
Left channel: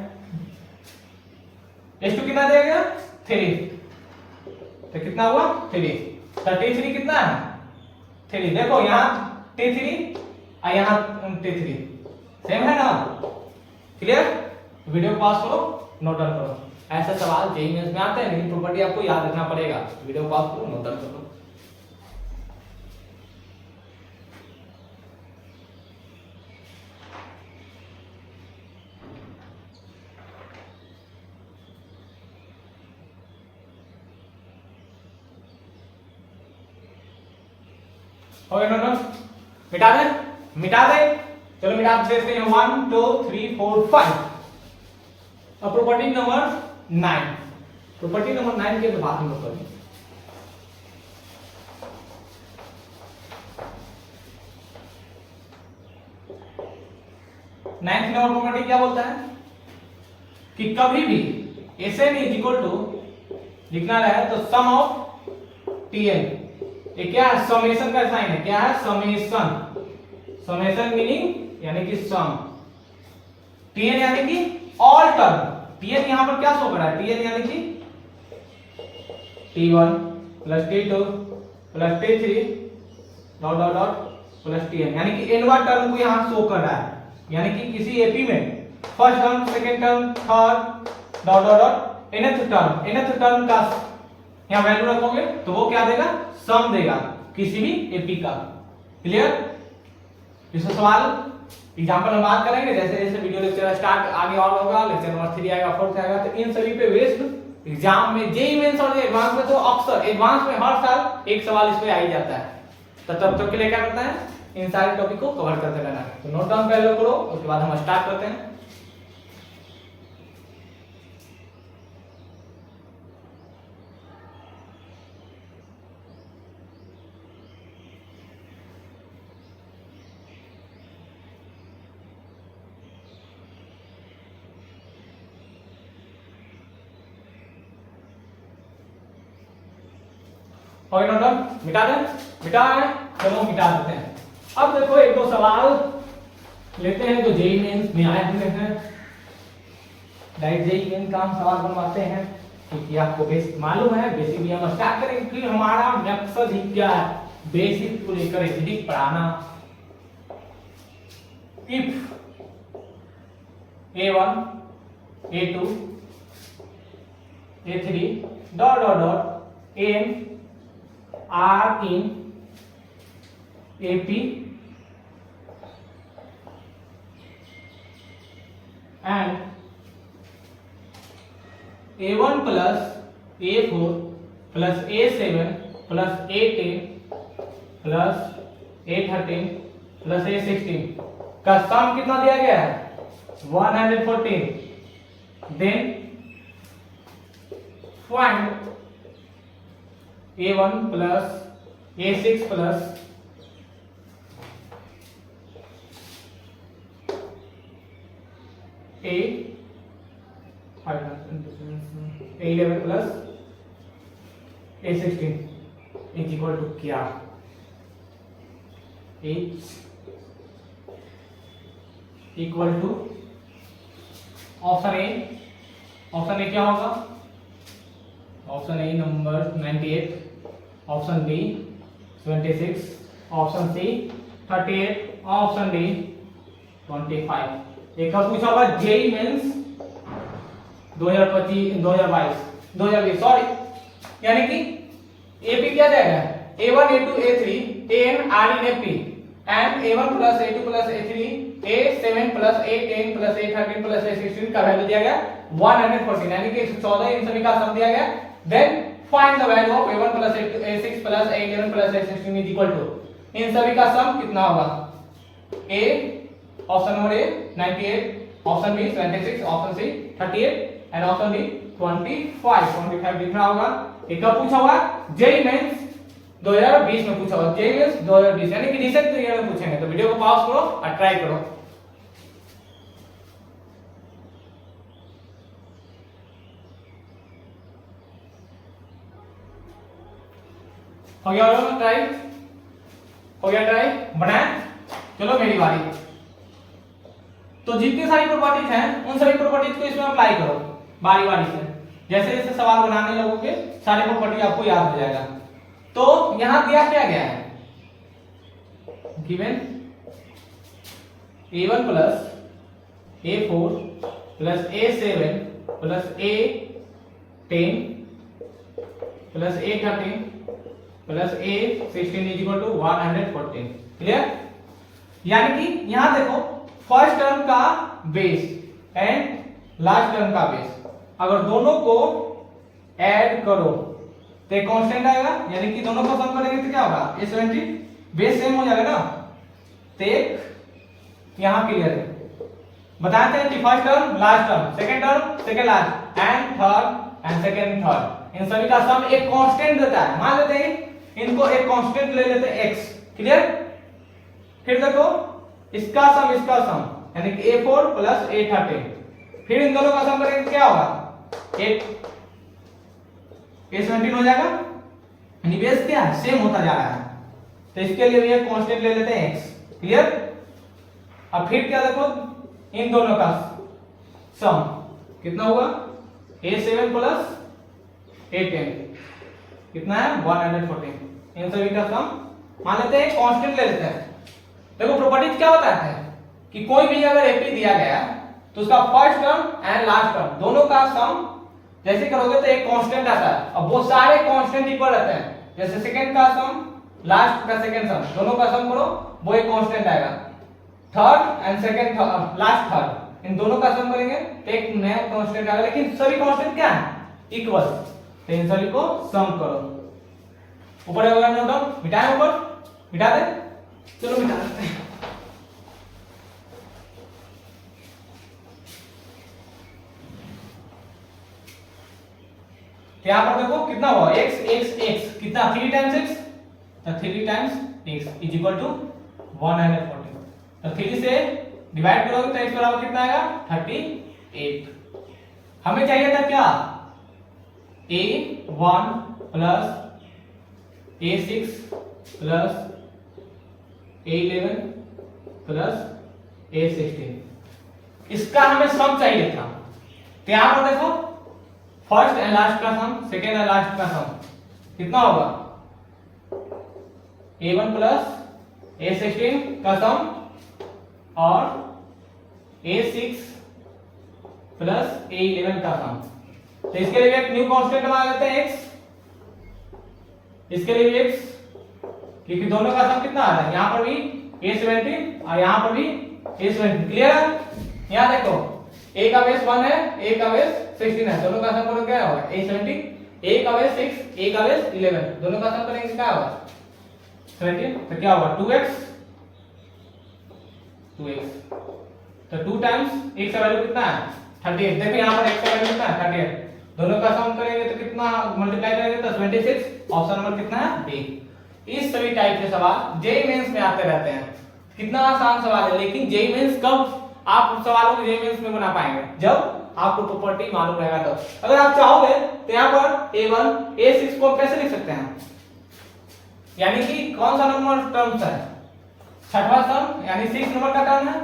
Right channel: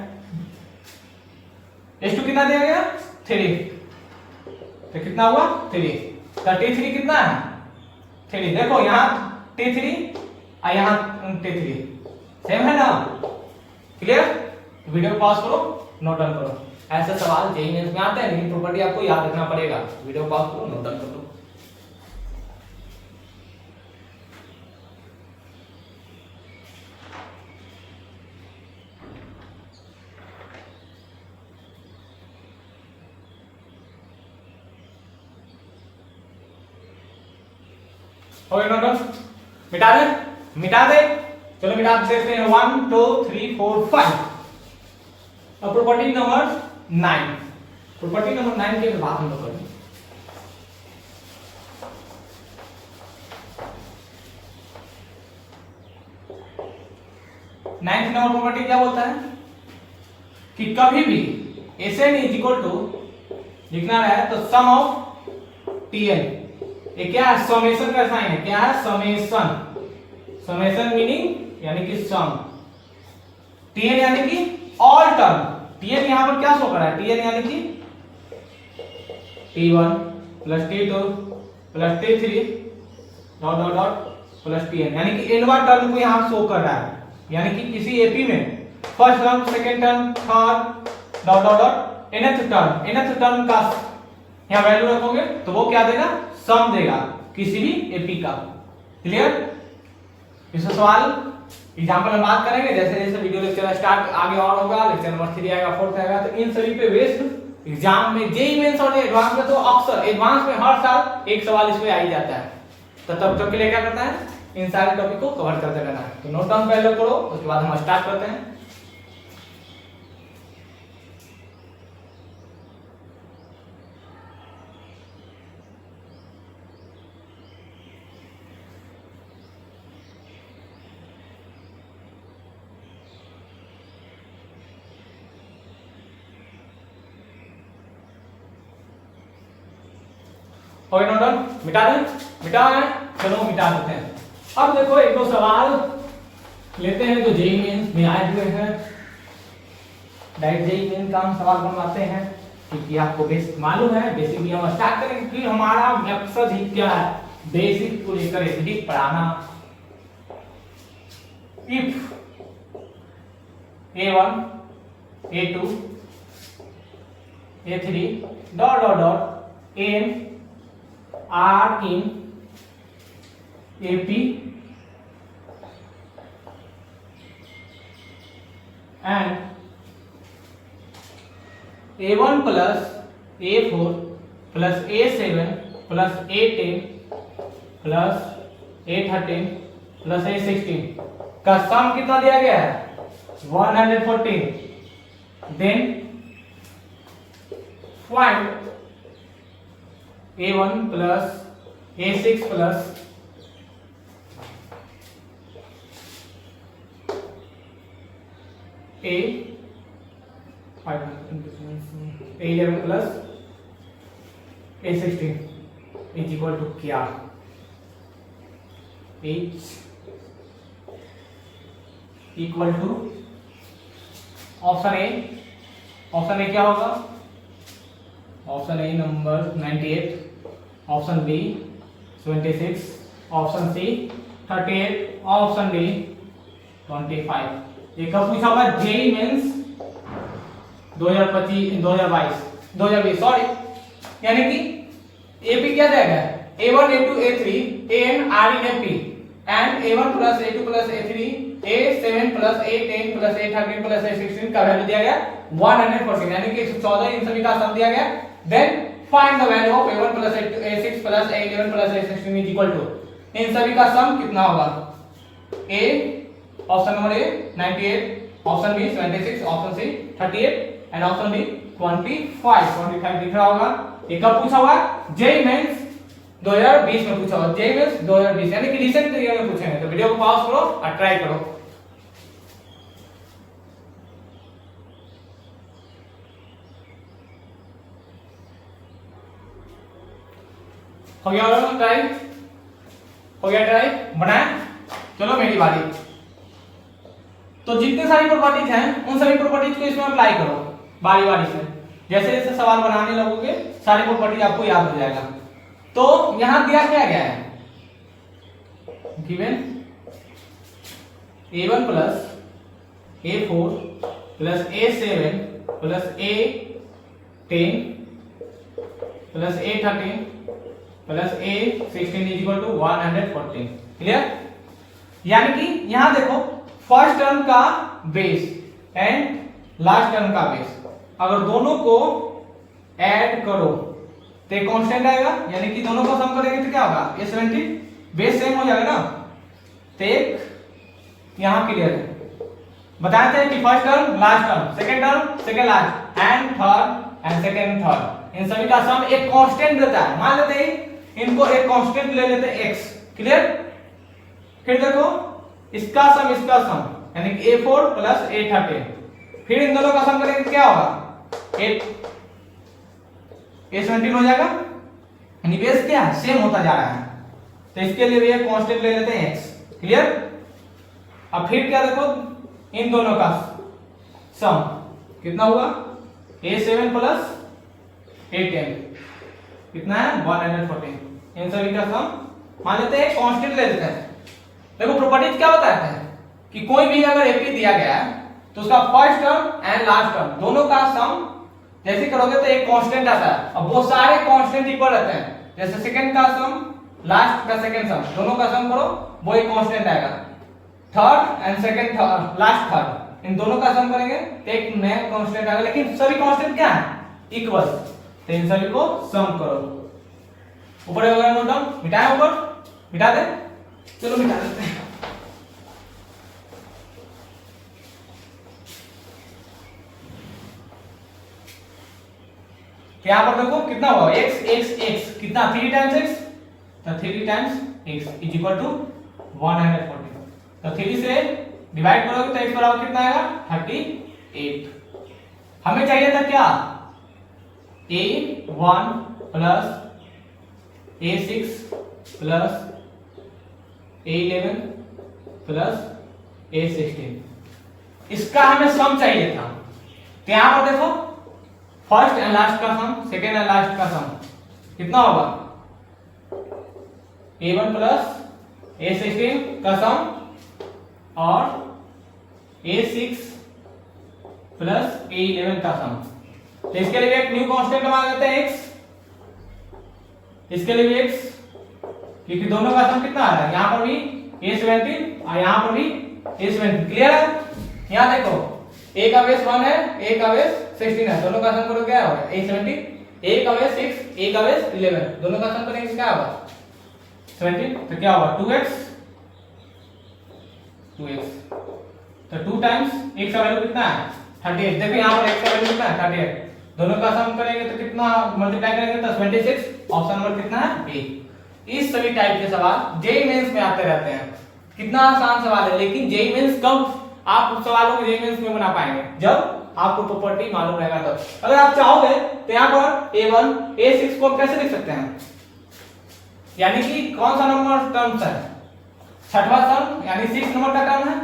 s2 कितना दिया गया 3, तो कितना हुआ 3। तो t3 कितना है 3, देखो यहाँ t3 और यहाँ t3 सेम है ना। क्लियर। वीडियो पॉज करो, नोट डाउन करो। ऐसे सवाल जेईई मेंस में आते हैं, लेकिन प्रॉपर्टी आपको याद रखना पड़ेगा। वीडियो पॉज करो, नोट डाउन कर लो। ओके नोट डाउन, मिटा दे, मिटा दे, चलो मिटा देते हैं 1 2 3 4 5। अब प्रॉपर्टी नंबर 9, प्रॉपर्टी नंबर 9 के बाद हम लोग करेंगे। नाइन्थ नंबर प्रॉपर्टी क्या बोलता है कि कभी भी Sn इज इक्वल टू लिखना है तो सम ऑफ Tn, ये क्या है समेशन का साइन है, क्या है समेशन, समेशन मीनिंग यानी कि सम, Tn यानी कि ऑल टर्म, Tn यहां पर क्या शो कर रहा है Tn यानी कि T1 plus T2 plus T3 dot dot dot plus Tn, यानी कि nवा टर्म को यहां शो कर रहा है। यानी कि किसी एपी में first term second term third dot dot dot nth term का यहां वैल्यू रखोगे तो वो क्या देगा सम देगा किसी भी एपी का। क्लियर। इस सवाल एग्जांपल हम बात करेंगे, जैसे जैसे वीडियो लेक्चर स्टार्ट आगे और होगा, लेक्चर नंबर 3 आएगा 4 आएगा, तो इन सभी पे बेस्ड एग्जाम में जेईई मेंस और एडवांस में तो अक्सर एडवांस में हर साल एक सवाल इस पे आ ही जाता है। तो तब तक के लिए क्या करना है इन सारे टॉपिक को कवर करते रहना है। तो नोट डाउन पहले करो, उसके बाद हम स्टार्ट करते हैं। ओके नोट डाउन, मिटा दें, मिटा है, चलो मिटा देते हैं। अब देखो एक दो सवाल लेते हैं जो जेईई मेंस में आए हुए हैं, डायरेक्ट जेईई मेंस का हम सवाल बनवाते हैं क्योंकि आपको बेसिक मालूम है। बेसिक भी हम स्टार्ट करेंगे कि हमारा मकसद ही क्या है बेसिक को लेकर ही पढ़ाना। If a1 a2 a3 dot dot dot n are in AP and A1 plus A4 plus A7 plus A10 plus A13 plus A16 का सम कितना दिया गया है 114। Then find A1 plus A6 plus A11 plus A16 is equal to क्या H equal to option A क्या होगा option A number 98, option B 26, option C 38, option D 25। ये कब पूछा हुआ जेई मेंस 2020 सॉरी, यानी कि एपी क्या रहेगा A1 A2 A3 AN RE AP and A1 plus A2 plus A3 A7 plus A10 plus A13 plus A16 का value दिया गया 114, यानी कि 114 इन सभी का सम दिया गया। Then find the value of A1 plus A6 plus A11 plus A16 is equal to, इन सभी का सम कितना होगा A option number A 98, option B 26, option C 38 and option D 25 दिख रहा होगा। ये कब पूछा हुआ जेई मेंस 2020 में पूछा हुआ, जेई मेंस 2020 यानी कि रिसेंट ईयर में पूछेंगे। तो वीडियो को पॉज करो और ट्राई करो। हो गया ट्राई, हो गया ट्राई बनाए। चलो मेरी बारी। तो जितनी सारी प्रॉपर्टीज हैं उन सभी प्रॉपर्टीज को इसमें अप्लाई करो बारी बारी से। जैसे जैसे सवाल बनाने लगोगे सारी प्रॉपर्टी आपको याद हो जाएगा। तो यहां दिया क्या गया है given A1 plus A4 plus A7 plus A10 plus A13 plus A16 is equal to 114। Clear? यानी कि यहां देखो फर्स्ट टर्म का बेस एंड लास्ट टर्म का बेस अगर दोनों को ऐड करो तो एक कांस्टेंट आएगा, यानी कि दोनों को सम करेंगे तो क्या होगा A70 बेस सेम हो जाएगा ना। तो एक यहां क्लियर है, बताए थे कि first term last term second term second last and third and second third in सभी का सम एक कांस्टेंट देता है। मान लेते हैं इनको एक कांस्टेंट ले लेते हैं x। क्लियर? फिर देखो इसका सम यानी कि A4 प्लस A13, फिर इन दोनों का सम करेंगे क्या होगा A17 हो जाएगा, यानी बेस क्या है सेम होता जा रहा है। तो इसके लिए भी एक कांस्टेंट ले लेते हैं x। क्लियर? अब फिर क्या देखो इन दोनों का सम कितना हुआ A7 प्लस A10 कितना है 114। इन सभी का सम मान लेते हैं कांस्टेंट ले लेते हैं। देखो प्रॉपर्टीज क्या बताते हैं कि कोई भी अगर एपी दिया गया है तो उसका first term and last term दोनों का सम जैसे करोगे तो एक कांस्टेंट आता है। अब वो सारे कांस्टेंट इक्वल रहते हैं, जैसे सेकंड का सम लास्ट का सेकंड सम दोनों का सम करो वो एक कांस्टेंट आएगा। Third and second last third in दोनों का सम करेंगे तो एक नया कांस्टेंट आएगा, लेकिन सभी कांस्टेंट क्या है इक्वल। तो इन सभी को सम करो। ऊपर होगा नोट डाउन, मिटाए ऊपर मिटा दे, चलो मिटा देते हैं। यहां पर देखो कितना हुआ x कितना 3 टाइम्स x, तो 3 times x is equal to 114। तो 3 से डिवाइड करोगे तो x बराबर कितना आएगा 38। हमें चाहिए था क्या A1 plus A6 plus A11 plus A16, इसका हमें सम चाहिए था। तो यहां पर देखो फर्स्ट एंड लास्ट का सम सेकेंड एंड लास्ट का सम कितना होगा A1 प्लस A16 का सम और A6 प्लस A11 का सम। तो इसके लिए एक न्यू कांस्टेंट मान लेते हैं x, इसके लिए भी x, क्योंकि दोनों का सम कितना आ रहा है यहां पर भी A17 और यहां पर भी A17। क्लियर है? यहां देखो A का बेस 1 है, A का बेस 16 है, दोनों का सम करो क्या होगा A17, A का बेस 6, A का बेस 11, दोनों का सम करेंगे क्या होगा 17, तो क्या होगा 2x, तो 2 टाइम्स x का वैल्यू कितना है 38। देखो यहाँ पर x का वैल्यू कितना है 38, दोनों का सम करेंगे तो कितना मल्टीप्लाई करेंगे तो 26, ऑप्शन नंबर कितना है बी। इस सभी टाइप के सवाल जेईई मेंस में आते रहते हैं। कितना आसान सवाल है, लेकिन जेईई मेंस कब आप उस सवालों को जेईई मेंस में बना पाएंगे जब आपको प्रॉपर्टी मालूम रहेगा। तो अगर आप चाहोगे तो यहाँ पर A1 A6 को कैसे लिख सकते हैं, यानी कि कौन सा नंबर टर्म्स है छठवां टर्म यानी 6 नंबर का टर्म है,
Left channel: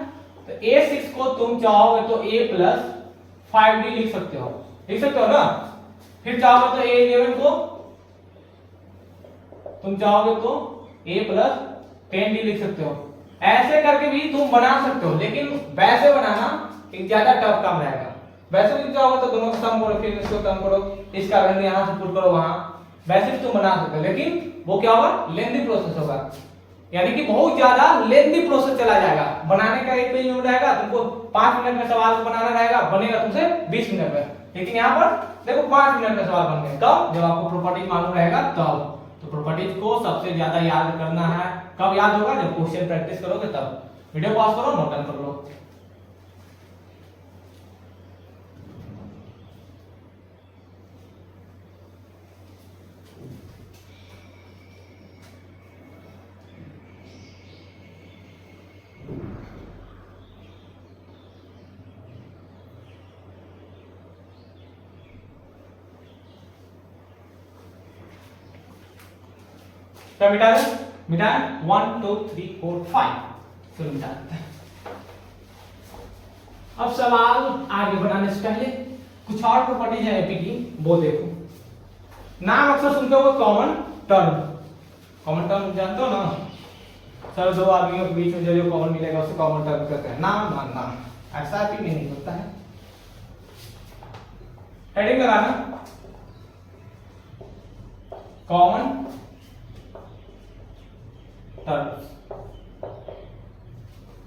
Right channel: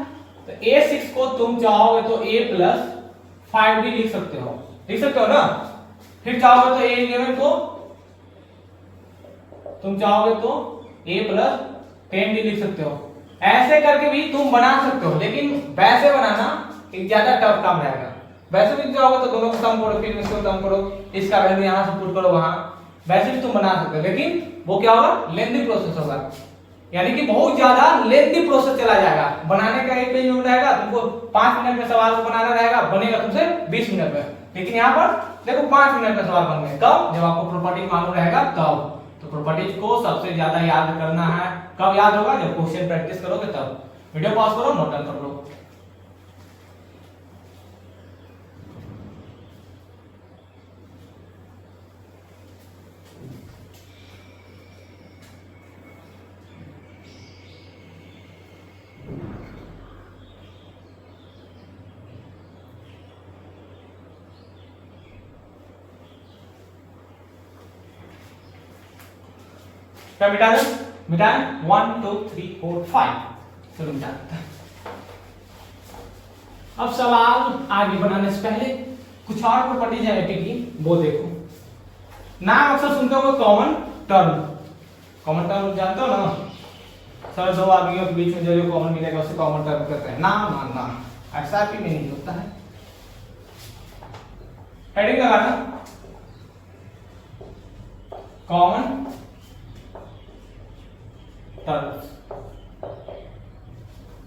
तो A6 को तुम चाहोगे तो A+5D लिख सकते हो ना। फिर चाहोगे तो A11 को तुम चाहोगे तो A+10D लिख सकते हो। ऐसे करके भी तुम बना सकते हो, लेकिन वैसे बनाना एक ज्यादा टफ काम रहेगा। वैसे भी चाहोगे तो दोनों को सम करो, फिर इसको सम करो, इसका वैल्यू यहां से पुट करो वहां, वैसे भी तुम बना सकते हो, लेकिन वो क्या होगा लेंथी प्रोसेस होगा, यानी कि बहुत ज्यादा लेंथी प्रोसेस चला जाएगा। बनाने का एक पेज में रहेगा, तुमको 5 मिनट में सवाल को बनाना रहेगा, बनेगा तुमसे 20 मिनट में, लेकिन यहाँ पर देखो 5 मिनट में सवाल बन गए। तब जब आपको प्रॉपर्टी मालूम रहेगा तब। तो प्रॉपर्टीज को सबसे ज्यादा याद करना है, कब याद होगा जब क्वेश्चन प्रैक्टिस करोगे तब। वीडियो पॉज करो, नोट डाउन कर लो। क्या मिटा दे, मिटा 1 2 3 4 5, चलो मिटा देते हैं। अब सवाल आगे बढ़ाने से पहले कुछ और प्रॉपर्टीज है एपी की, वो देखो। नाम अक्सर सुनते हो कॉमन टर्म, कॉमन टर्म जानते हो ना सर, दो आदमियों के बीच में जो कॉमन मिलेगा उसे कॉमन टर्म कहते हैं। नाम ऐसा भी नहीं होता है। हेडिंग लगाना common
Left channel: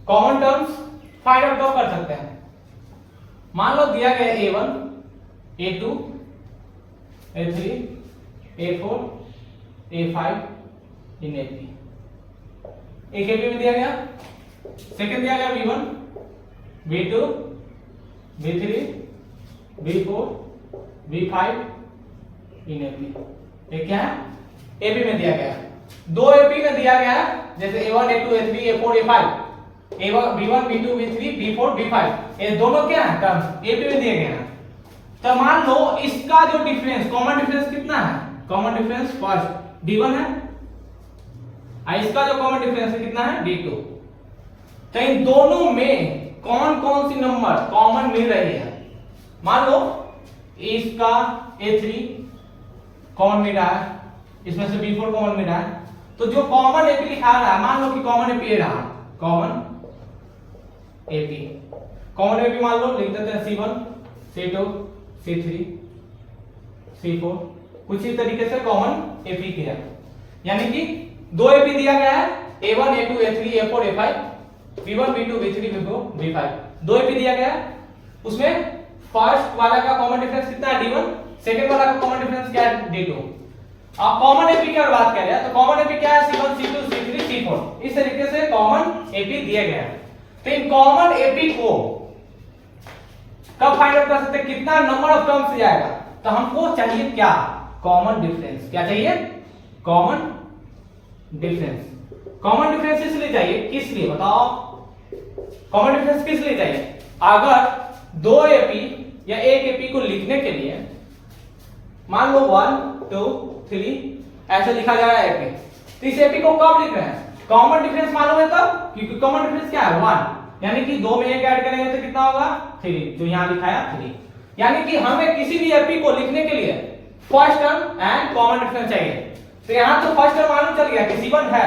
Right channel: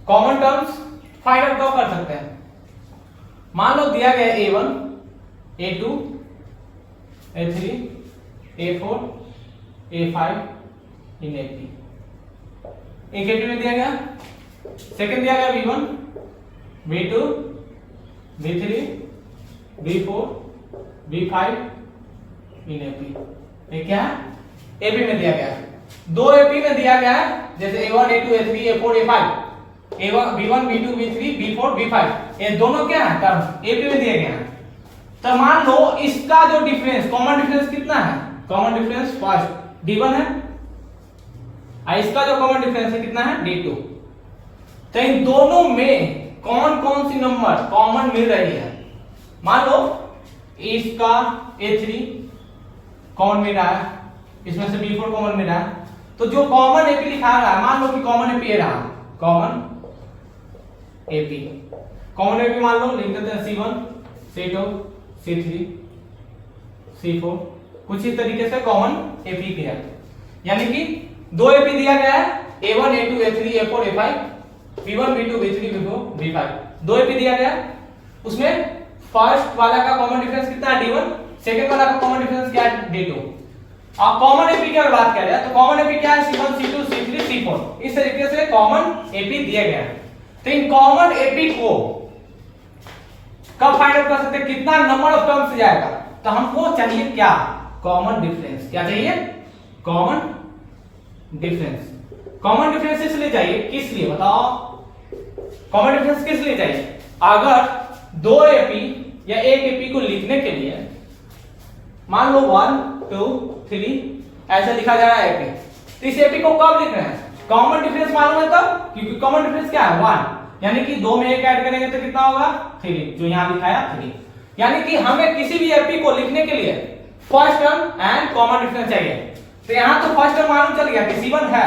common terms find out कब कर सकते हैं। मान लो दिया गया A1 A2 A3 A4 A5 इन AP, एक AP में दिया गया, सेकंड दिया गया B1 B2 B3 B4 B5 इन AP, ये क्या है AP में दिया गया है। दो AP में दिया गया है, जैसे A1 A2 A3 A4 A5, A1 B1 B2 B3 B4 B5, ये दोनों क्या है टर्म AP में दिए गए हैं। तो मान लो इसका जो डिफरेंस कॉमन डिफरेंस कितना है, कॉमन डिफरेंस फर्स्ट D1 है और इसका जो कॉमन डिफरेंस है कितना है D2। तो इन दोनों में कौन कौन सी नंबर कॉमन मिल रही है। मान लो इसका A3 कॉमन मिल रहा है, इसमें से B4 कॉमन मिल रहा है, तो जो कॉमन AP लिखा रहा है, मान लो कि कॉमन AP रहा, कॉमन AP, कॉमन AP मान लो लिख देते हैं C1 C2 C3 C4, कुछ इस तरीके से कॉमन AP है। यानी कि दो AP दिया गया है A1 A2 A3 A4 A5, B1 B2 B3 B4 B5, दो AP दिया गया है, उसमें फर्स्ट वाला का कॉमन डिफरेंस कितना है D1, सेकंड वाला का कॉमन डिफरेंस क्या है D2। अब कॉमन एपी की अगर बात किया जाए तो कॉमन एपी क्या है C1 C2 C3 C4, इस तरीके से कॉमन एपी दिया गया है। तो इन कॉमन एपी को कब फाइंड आउट कर सकते हैं, कितना नंबर ऑफ टर्म्स जाएगा। तो हमको चाहिए क्या कॉमन डिफरेंस, क्या चाहिए कॉमन डिफरेंस। कॉमन डिफरेंस इसलिए चाहिए, किस लिए बताओ, कॉमन डिफरेंस किस लिए चाहिए। अगर दो एपी या एक एपी को लिखने के लिए मान लो 1 2 3 ऐसा लिखा जा रहा है एपी, तो इस एपी को कब लिख रहे हैं, कॉमन डिफरेंस मालूम है तब, क्योंकि कॉमन डिफरेंस क्या है 1, यानी कि 2 में 1 ऐड करेंगे तो कितना होगा 3, जो यहां लिखा है 3। यानी कि हमें किसी भी एपी को लिखने के लिए first term and common difference चाहिए। तो यहां तो फर्स्ट टर्म मालूम चल गया कि C1 है,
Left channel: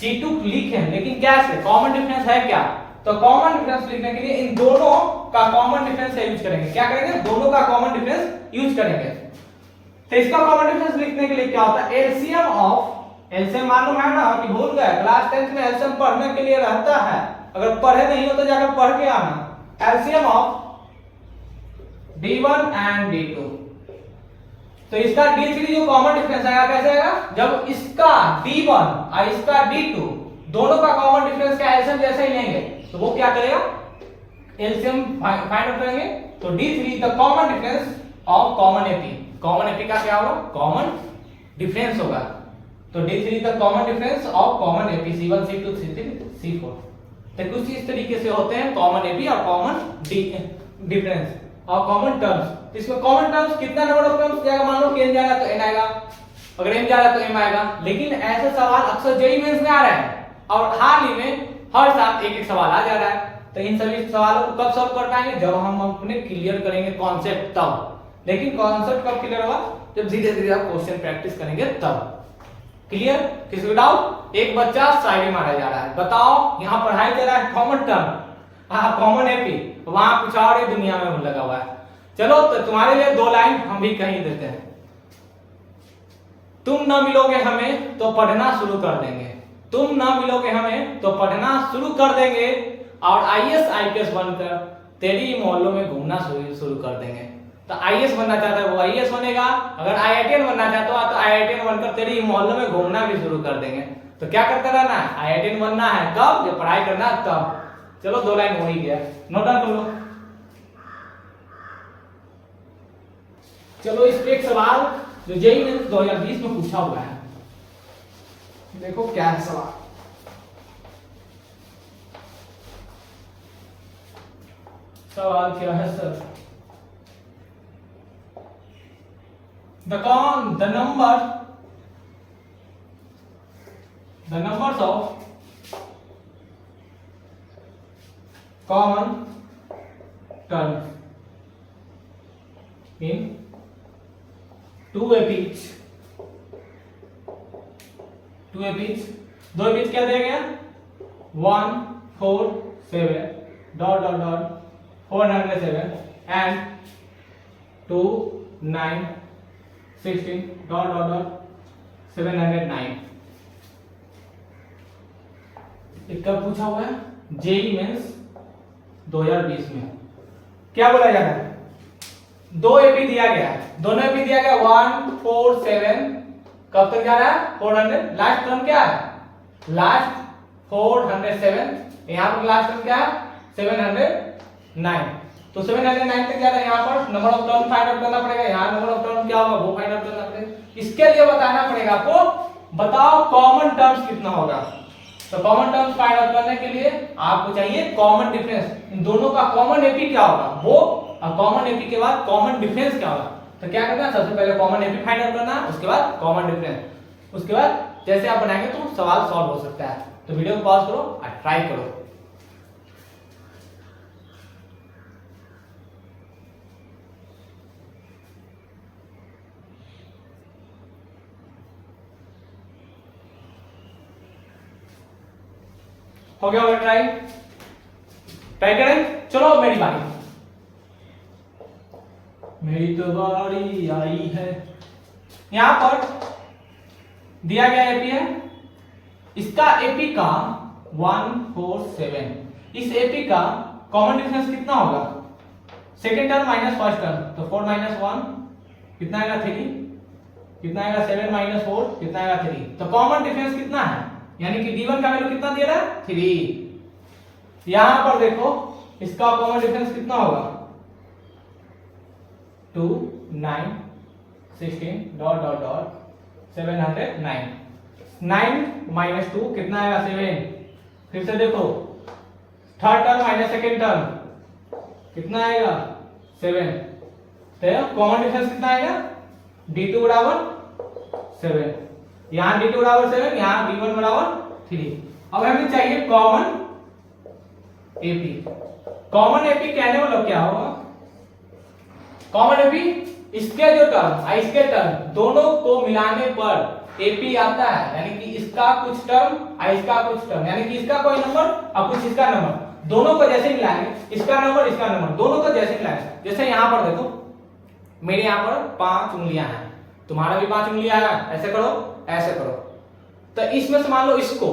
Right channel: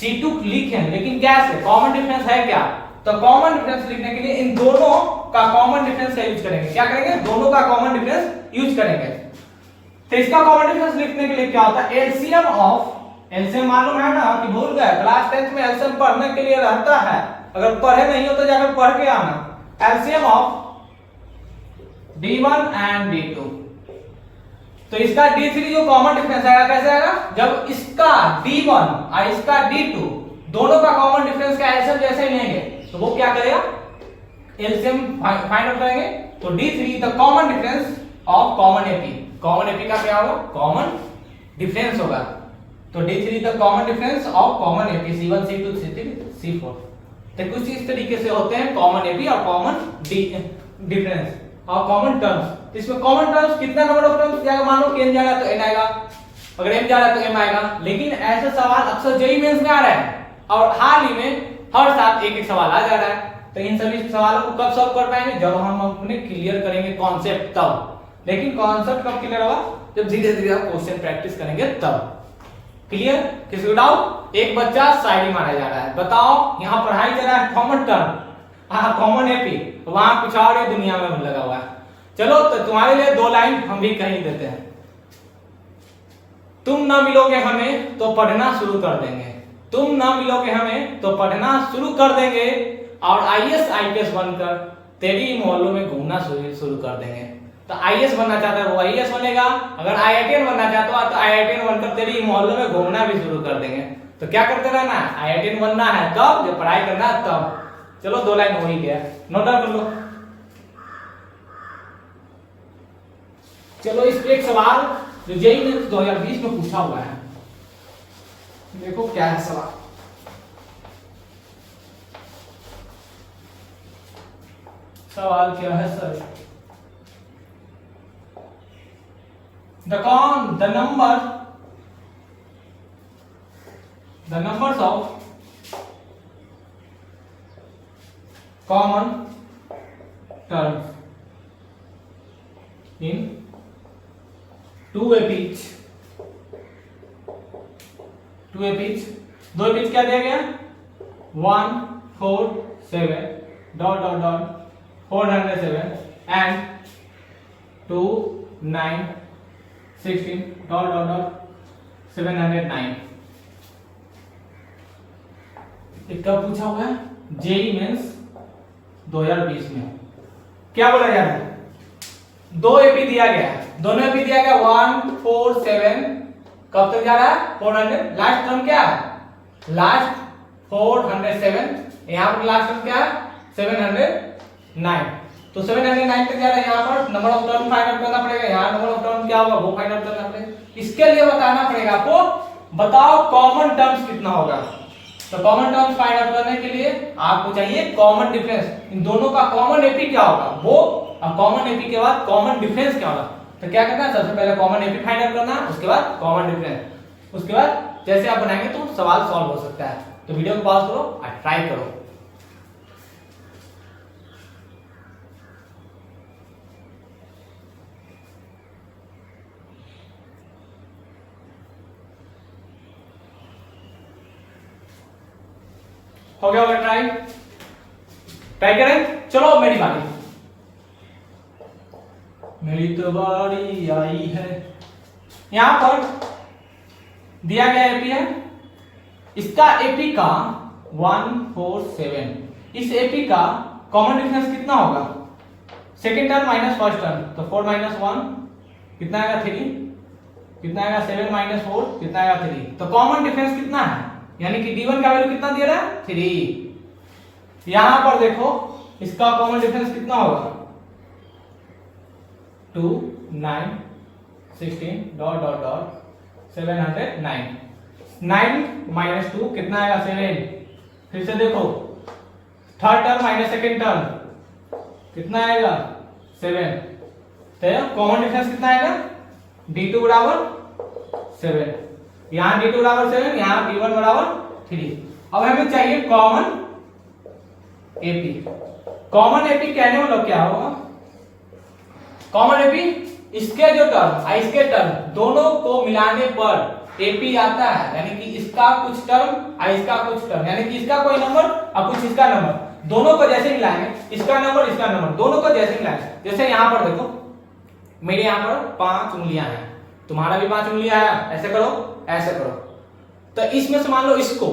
C2 लिखे, लेकिन कैसे कॉमन डिफरेंस है क्या, तो कॉमन डिफरेंस लिखने के लिए इन दोनों का कॉमन डिफरेंस का यूज करेंगे। क्या करेंगे, दोनों का कॉमन डिफरेंस यूज करेंगे। तो इसका कॉमन डिफरेंस लिखने के लिए क्या होता है, एलसीएम ऑफ, एलसीएम मालूम है ना कि भूल गए, क्लास 10 में एलसीएम पढ़ने के लिए रहता है, अगर पढ़े नहीं हो तो जाकर पढ़ के आना। LCM of D1 and D2। तो इसका D3 जो कॉमन डिफरेंस आएगा कैसे आएगा, जब इसका D1 और इसका D2 दोनों का कॉमन डिफरेंस का एलसीएम जैसे ही लेंगे तो वो क्या करेगा, एलसीएम फाइंड आउट करेंगे। तो D3 the common difference of common AP, common AP का क्या होगा, कॉमन डिफरेंस होगा। तो D3 the common difference of common AP C1 C2 C3 C4। तो कुछ इस तरीके से होते हैं कॉमन एपी और कॉमन डिफरेंस और कॉमन टर्म्स। इसमें कॉमन टर्म्स कितना नंबर ऑफ टर्म्स जाएगा, मान लो कि n जाएगा तो n आएगा, अगर m जा रहा है तो m आएगा। लेकिन ऐसे सवाल अक्सर जेईई मेंस में आ रहा है और हाल ही में हर साल एक एक सवाल आ जा रहा है। तो इन सभी सवालों को कब सॉल्व कर पाएंगे, जब हम अपने क्लियर करेंगे कॉन्सेप्ट तब। लेकिन कॉन्सेप्ट कब क्लियर होगा, जब धीरे धीरे आप क्वेश्चन प्रैक्टिस करेंगे तब। क्लियर, किसी को डाउट? एक बच्चा शायरी मारा जा रहा है, बताओ यहाँ पढ़ाई चल रहा है कॉमन टर्म, हाँ कॉमन एपी, वहां कुछ और ही दुनिया में लगा हुआ है। चलो तो तुम्हारे लिए दो लाइन हम भी कहीं देते हैं। तुम ना मिलोगे हमें तो पढ़ना शुरू कर देंगे, तुम ना मिलोगे हमें तो पढ़ना शुरू कर देंगे, और आईएएस आईपीएस बनकर तेरी मोहल्लों में घूमना शुरू कर देंगे। तो आईएएस बनना चाहता है वो आईएएस बनेगा, अगर आईआईटीएन बनना चाहता है तो आईआईटीएन बनकर तेरी मोहल्लों में घूमना भी शुरू कर देंगे। तो क्या करते रहना है, आईआईटीएन बनना है कब, जब पढ़ाई करना है तब। चलो दो लाइन हो ही गया, नोट डाउन कर लो। चलो इस पे एक सवाल जो जेईई मेंस 2020 में पूछा हुआ है, देखो क्या है सवाल। सवाल क्या है sir, the numbers of common terms in two epics, दो एपिच क्या दिया गया, 1 4 7 dot dot dot 407 and 2 9 16 dot dot dot 709। कब पूछा हुआ है, जेईई मेंस 2020 में। क्या बोला जा रहा है, दो एपी दिया गया, दोनों एपी दिया गया 1 4 7, कब तक जा रहा है 400, लास्ट टर्म क्या है, लास्ट 407, यहां पर लास्ट टर्म क्या है 709। तो 709 तक जा रहा है, यहाँ पर number of term find out करना पड़ेगा, यहाँ नंबर ऑफ टर्म क्या होगा वो फाइंड आउट करना पड़ेगा। इसके लिए बताना पड़ेगा आपको, बताओ कॉमन टर्म्स कितना होगा। तो कॉमन टर्म्स फाइंड आउट करने के लिए आपको चाहिए कॉमन डिफरेंस, इन दोनों का कॉमन एपी क्या होगा वो, और कॉमन एपी के बाद कॉमन डिफरेंस क्या होगा। तो क्या करना है, सबसे पहले कॉमन एपी फाइंड आउट करना है, उसके बाद कॉमन डिफरेंस, उसके बाद जैसे आप बनाएंगे तो सवाल सॉल्व हो सकता है। तो वीडियो को पॉज करो और ट्राई करो। हो गया होगा, ट्राई करें। चलो मेरी बारी, मेरी तो बारी आई है। यहां पर दिया गया एपी है, इसका एपी का 1 4 7, इस एपी का कॉमन डिफरेंस कितना होगा, second term minus first term, तो 4 माइनस 1 कितना आएगा 3, कितना आएगा 7 माइनस 4 कितना आएगा 3। तो कॉमन डिफरेंस कितना है, यानी कि D1 का वैल्यू कितना दे रहा है 3। यहां पर देखो इसका कॉमन डिफरेंस कितना होगा 2 9 16 डॉट डॉट डॉट 709, 9 माइनस 2 कितना आएगा 7। फिर से देखो third term minus second term कितना आएगा 7। तो कॉमन डिफरेंस कितना आएगा D2 बराबर 7, यहाँ D2 बराबर 7, यहाँ D1 बराबर 3। अब हमें चाहिए कॉमन एपी। कॉमन एपी कहने मतलब क्या होगा, कॉमन एपी इसके जो टर्म और इसके टर्म दोनों को मिलाने पर एपी आता है, यानी कि इसका कुछ टर्म और इसका कुछ टर्म, यानी कि इसका कोई नंबर और कुछ इसका नंबर, दोनों को जैसे मिलाएंगे, इसका नंबर इसका नंबर दोनों को जैसे मिलाएंगे। जैसे यहाँ पर देखो मेरे यहाँ पर 5 उंगलियां हैं, तुम्हारा भी 5 उंगलियां है, ऐसे करो ऐसे करो। तो इसमें से मान लो इसको,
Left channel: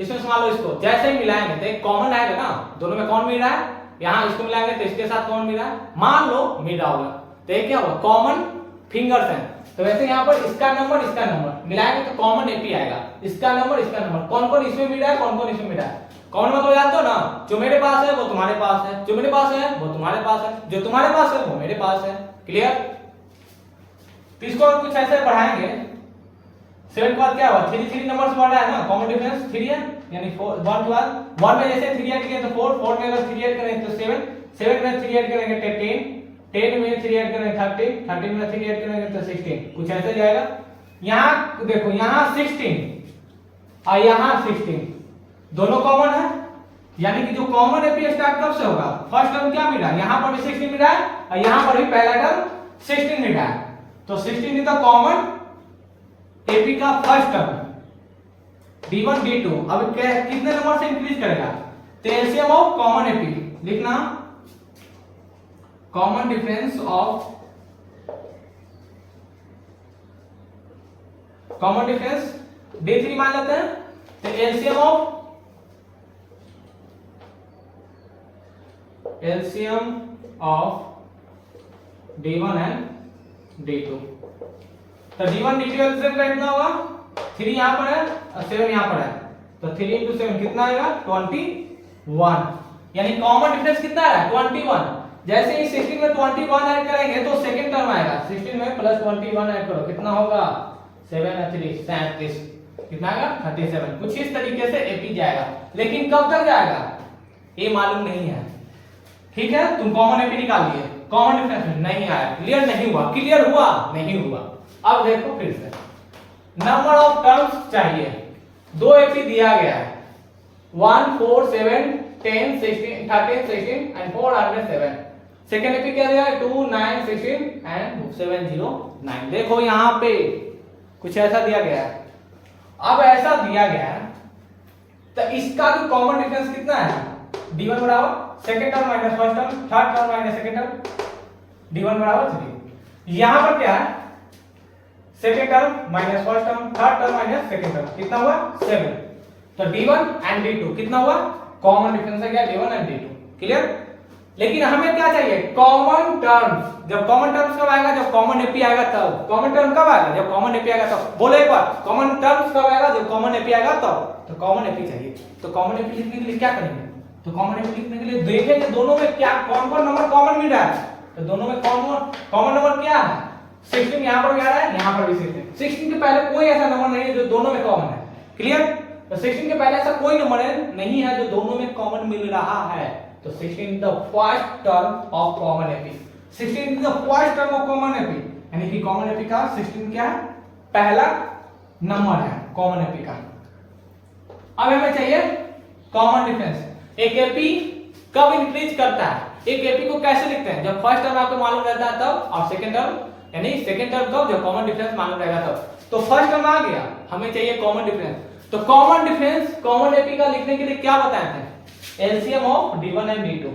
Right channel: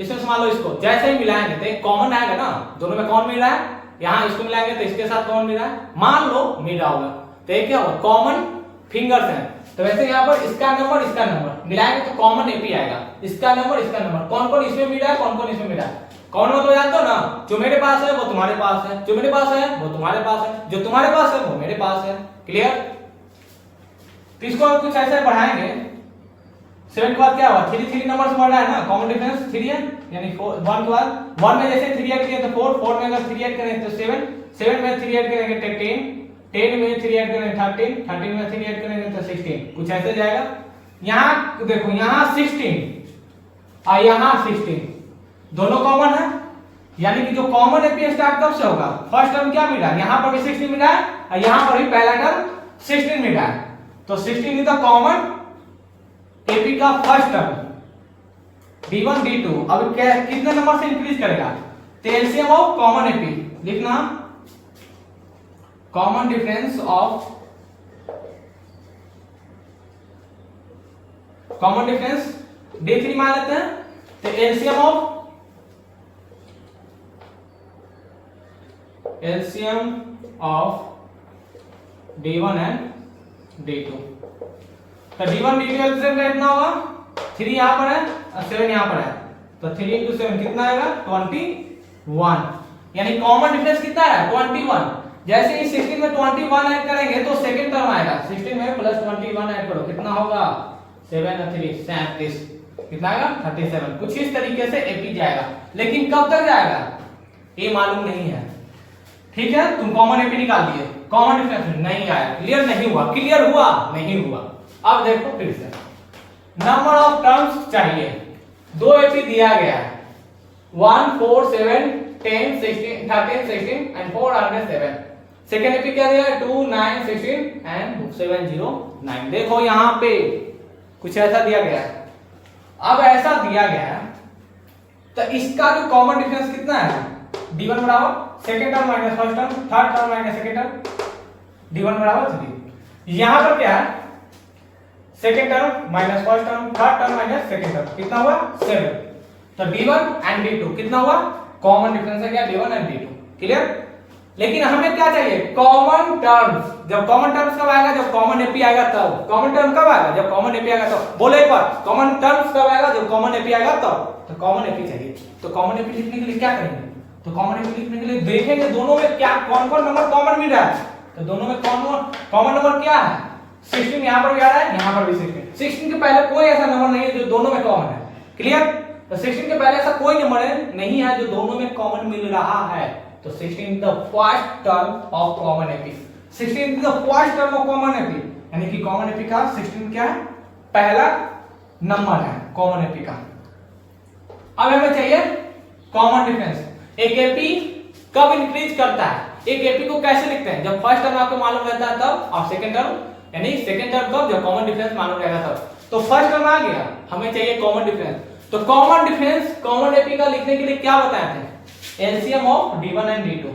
इसमें से मान लो इसको, जैसे ही मिलाएंगे तो एक कॉमन आएगा ना, दोनों में कौन मिल रहा है यहाँ इसको मिलाएंगे तो इसके साथ कॉमन मिल रहा है, मान लो मिल रहा होगा, तो ये क्या होगा, कॉमन फिंगर्स हैं। तो वैसे यहाँ पर इसका नंबर मिलाएंगे तो कॉमन एपी आएगा, इसका नंबर कौन कौन इसमें मिल रहा है, कौन कौन इसमें मिल रहा है। कौन मतलब जानते हो ना, जो मेरे पास है वो तुम्हारे पास है, जो मेरे पास है वो तुम्हारे पास है, जो तुम्हारे पास है वो मेरे पास है। क्लियर। तो इसको कुछ ऐसे बढ़ाएंगे, 7 के बाद क्या हुआ, 3 नंबर्स बढ़ रहा है ना, कॉमन डिफरेंस 3 है, यानी 1 के बाद 1 में जैसे 3 ऐड किए तो 4 में अगर 3 ऐड करें तो 7 में 3 ऐड करेंगे तो 10 में 3 ऐड करेंगे 13 में 3 ऐड करेंगे तो 16, कुछ ऐसे जाएगा। यहाँ देखो, यहाँ 16 और यहाँ 16 दोनों कॉमन है, यानी कि जो कॉमन एपी स्टार्ट कब से होगा, फर्स्ट टर्म क्या मिल रहा है, यहाँ पर भी 16 मिल रहा है और यहाँ पर भी पहला टर्म 16 मिल रहा है, तो 16 इज द कॉमन एपी का फर्स्ट टर्म d1 d2। अब कितने नंबर से इंक्रीज करेगा, तो एलसीएम ऑफ कॉमन एपी लिखना, common difference of common difference d3 मान लेते हैं, तो LCM of d1 and d2, तो d1 d2 एलसीएम का कितना होगा, 3 यहां पर है और 7 यहां पर है, तो 3 into 7 कितना आएगा, 21, यानी कॉमन डिफरेंस कितना है, 21। जैसे ही 16 में 21 ऐड करेंगे तो सेकंड टर्म आएगा, 16 में प्लस 21 ऐड करो, कितना होगा, 7 और 3 37, कितना आएगा, 37। कुछ इस तरीके से एपी जाएगा, लेकिन कब तक जाएगा ये मालूम नहीं है। ठीक है, तुम कॉमन एपी निकाल लिए, कॉमन डिफरेंस नहीं आया, क्लियर नहीं हुआ, क्लियर हुआ नहीं हुआ। अब देखो फिर से, नंबर ऑफ टर्म्स चाहिए, 2 एपी दिया गया है, 1 4 7 10 16 13 16 एंड 4 आगे 7। सेकंड एपी क्या दिया है, 2 9 16 एंड 7 0 9। देखो यहाँ पे कुछ ऐसा दिया गया है। अब ऐसा दिया गया है तो इसका जो कॉमन डिफरेंस कितना है, d1 बराबर second term minus first term, third term minus second term, d1 बराबर 3। यहां पर क्या है, second term minus first term, third term minus second term, कितना हुआ 7। तो d1 एंड d2 कितना हुआ, कॉमन डिफरेंस है क्या, d1 एंड d2। क्लियर। लेकिन हमें क्या चाहिए, कॉमन टर्म्स। जब कॉमन टर्म्स कब आएगा, जब कॉमन एपी आएगा तब। कॉमन टर्म कब आएगा, जब कॉमन एपी आएगा तब। बोलो एक बार, कॉमन टर्म्स कब आएगा, जब कॉमन एपी आएगा तब। तो कॉमन एपी चाहिए, तो कॉमन एपी लिखने के लिए क्या करेंगे, तो कॉमन एपी लिखने के लिए देखेंगे दोनों में क्या कौन कौन नंबर कॉमन मिल रहा है। तो दोनों में कॉमन नंबर क्या है, 16 यहां पर भी आ रहा है, यहां पर भी 16 के पहले कोई ऐसा नंबर नहीं है जो दोनों में कॉमन है। क्लियर। तो 16 के पहले ऐसा कोई नंबर नहीं है जो दोनों में कॉमन मिल रहा है। तो 16 is the first term of common AP, 16 is the first term of common AP, यानी कि कॉमन एपी का 16 क्या है, पहला नंबर है कॉमन एपी का। अब हमें चाहिए कॉमन डिफरेंस। एक एपी कब इंक्रीज करता है, एक एपी को कैसे लिखते हैं, जब फर्स्ट टर्म आपको मालूम रहता है तब, और सेकंड टर्म यानी सेकंड टर्म कब, जब कॉमन डिफरेंस मालूम रहेगा तब। तो फर्स्ट टर्म आ गया, हमें चाहिए कॉमन डिफरेंस। तो कॉमन डिफरेंस कॉमन एपी का लिखने के लिए क्या बताए थे, LCM of d1 and d2।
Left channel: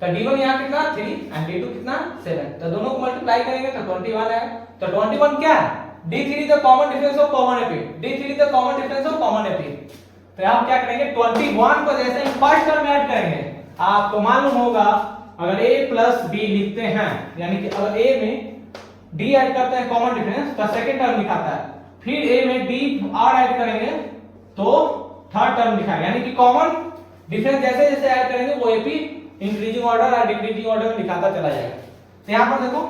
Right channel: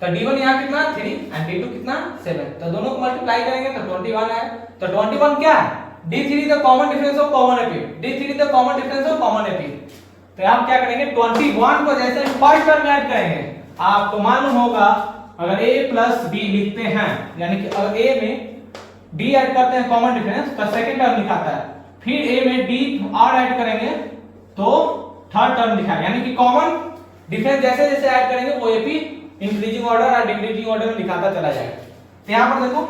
तो d1 यहां कितना 3 एंड d2 कितना 7, तो दोनों को मल्टीप्लाई करेंगे तो 21 है। तो 21 क्या है, d3 is the common difference of common AP, d3 is the common difference of common AP. तो हम क्या करेंगे, 21 को जैसे फर्स्ट टर्म में ऐड करेंगे, आपको मालूम होगा अगर a प्लस b लिखते हैं, यानी कि अगर a में d ऐड करते हैं कॉमन डिफरेंस तो सेकंड टर्म लिखाता है, फिर a में d और ऐड करेंगे तो थर्ड टर्म लिखाएगा, यानी कि कॉमन डिफरेंस जैसे जैसे ऐड करेंगे वो एपी इंक्रीजिंग ऑर्डर और डिक्रीजिंग ऑर्डर में दिखाता चला जाएगा। तो यहां पर देखो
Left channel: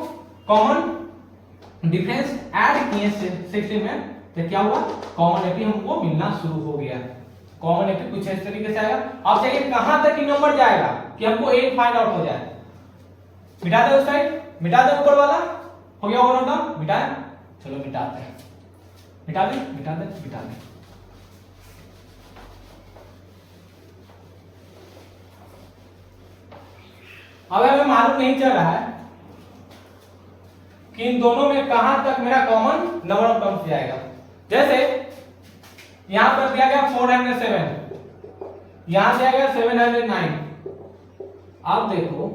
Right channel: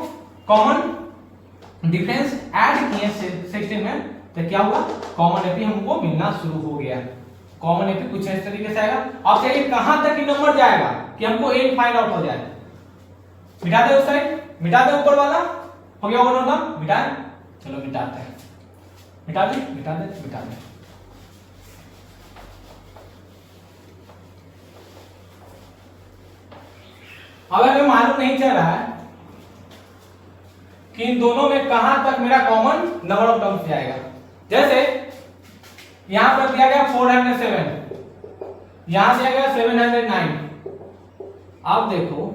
कॉमन डिफरेंस ऐड किए 16 में, तो क्या हुआ, कॉमन एपी हमको मिलना शुरू हो गया। कॉमन एपी कुछ इस तरीके से आएगा। अब चाहिए कहां तक ही नंबर जाएगा कि हमको 8 फाइंड आउट हो जाए। मिटा दे उस साइड, मिटा दे ऊपर वाला, हो गया होगा ना, मिटाए, चलो मिटाते हैं, मिटा दे मिटा दे मिटा दे। अब हमें मालूम नहीं चल रहा है कि इन दोनों में कहां तक मेरा कॉमन नंबर ऑफ टर्म्स जाएगा। जैसे यहां पर दिया गया 407, यहां दिया गया 709। अब देखो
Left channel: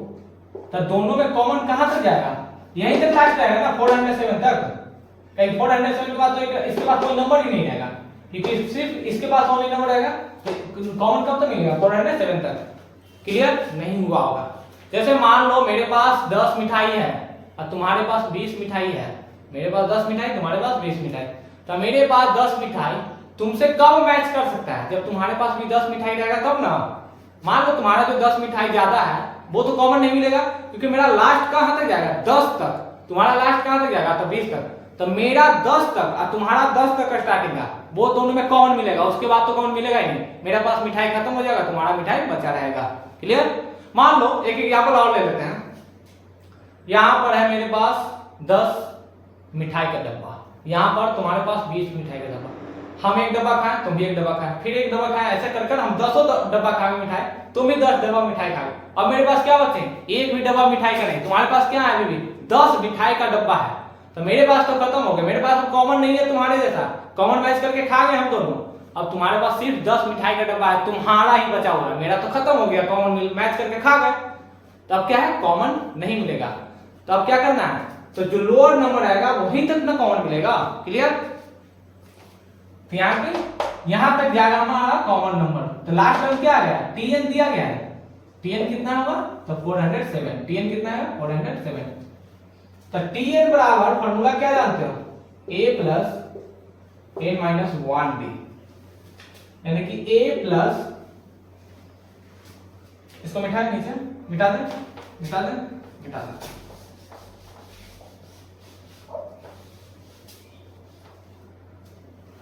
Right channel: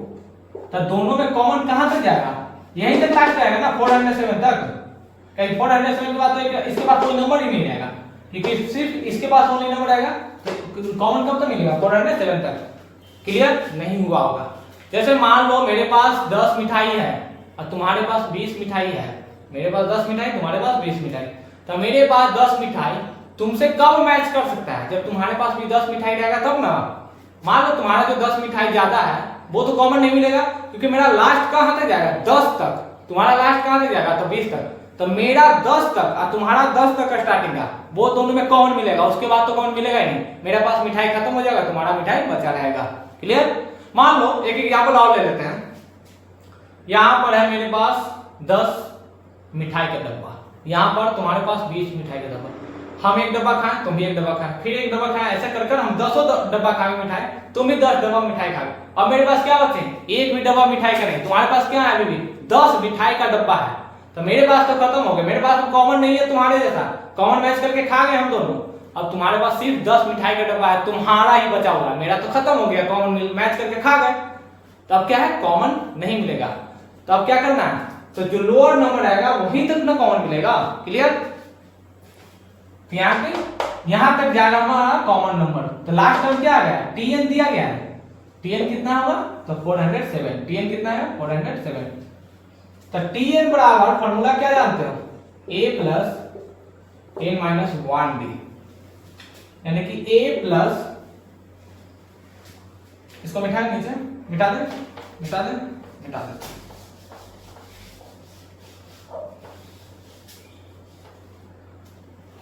तो दोनों में कॉमन कहां तक जाएगा, यहीं तक लास्ट आएगा ना 407 तक। कहीं 407 के बाद तो इसके बाद कोई नंबर ही नहीं आएगा, क्योंकि सिर्फ इसके पास ओनली नंबर आएगा। तो कॉमन कब तक मिलेगा, 407 तक। क्लियर नहीं हुआ होगा। जैसे मान लो मेरे पास 10 मिठाई है और तुम्हारे पास 20 मिठाई है, मेरे पास 10 मिठाई तुम्हारे पास 20 मिठाई, तो मेरे पास 10 मिठाई तुमसे कब मैच कर सकता है, जब तुम्हारे पास भी 10 मिठाई रहेगा तब ना। मान लो तुम्हारा जो 10 मिठाई ज्यादा है वो तो कॉमन नहीं मिलेगा, क्योंकि मेरा लास्ट कहां तक जाएगा 10 तक, तुम्हारा लास्ट कहां तक जाएगा तो 20 तक, तो मेरा 10 तक और तुम्हारा 10 तक का स्टार्टिंग का वो दोनों में कॉमन मिलेगा, उसके बाद तो कॉमन मिलेगा ही नहीं। मेरे पास मिठाई खत्म हो जाएगा, तुम्हारा मिठाई बचा रहेगा। क्लियर। मान लो एक एग्जांपल और ले लेते हैं। यहां पर है मेरे पास 10 मिठाई का डब्बा, यहां पर तुम्हारे पास 20 मिठाई का डब्बा, हम एक डब्बा खाएं तुम भी एक डब्बा खाएं फिर एक डब्बा खाएं, ऐसे कर हम 10 डब्बा खाएंगे मिठाई, तुम भी 10 डब्बा मिठाई खाओगे। अब मेरे पास क्या बचे, एक भी डब्बा मिठाई का नहीं, तुम्हारे पास क्या है अभी भी 10 मिठाई का डब्बा है, तो मेरे पास तो खत्म हो गया, मेरे पास तो कॉमन नहीं है तुम्हारे जैसा, कॉमन मैच करके खा गए हम दोनों। अब तुम्हारे पास सिर्फ 10 मिठाई का डब्बा है, तुम्हारा ही बचा हुआ है, मेरा तो खत्म हो गया, कॉमन मैच करके खा गए, तो अब क्या है कॉमन नहीं मिलेगा। तो अब क्या करना है, तो जो लोअर नंबर आएगा वहीं तक ना कॉमन मिलेगा। क्लियर। यहां तक जाएगा हमारा कॉमन नंबर, तो लास्ट टर्म क्या आ गया tn दिया गया है, tn कितना होगा तो 407, tn कितना है 407, तो tn बराबर फार्मूला क्या जानते हो a plus n minus 1d, यानी कि a प्लस, इसको मिटा दे नीचे, मिटा दे मिटा दे मिटा दे,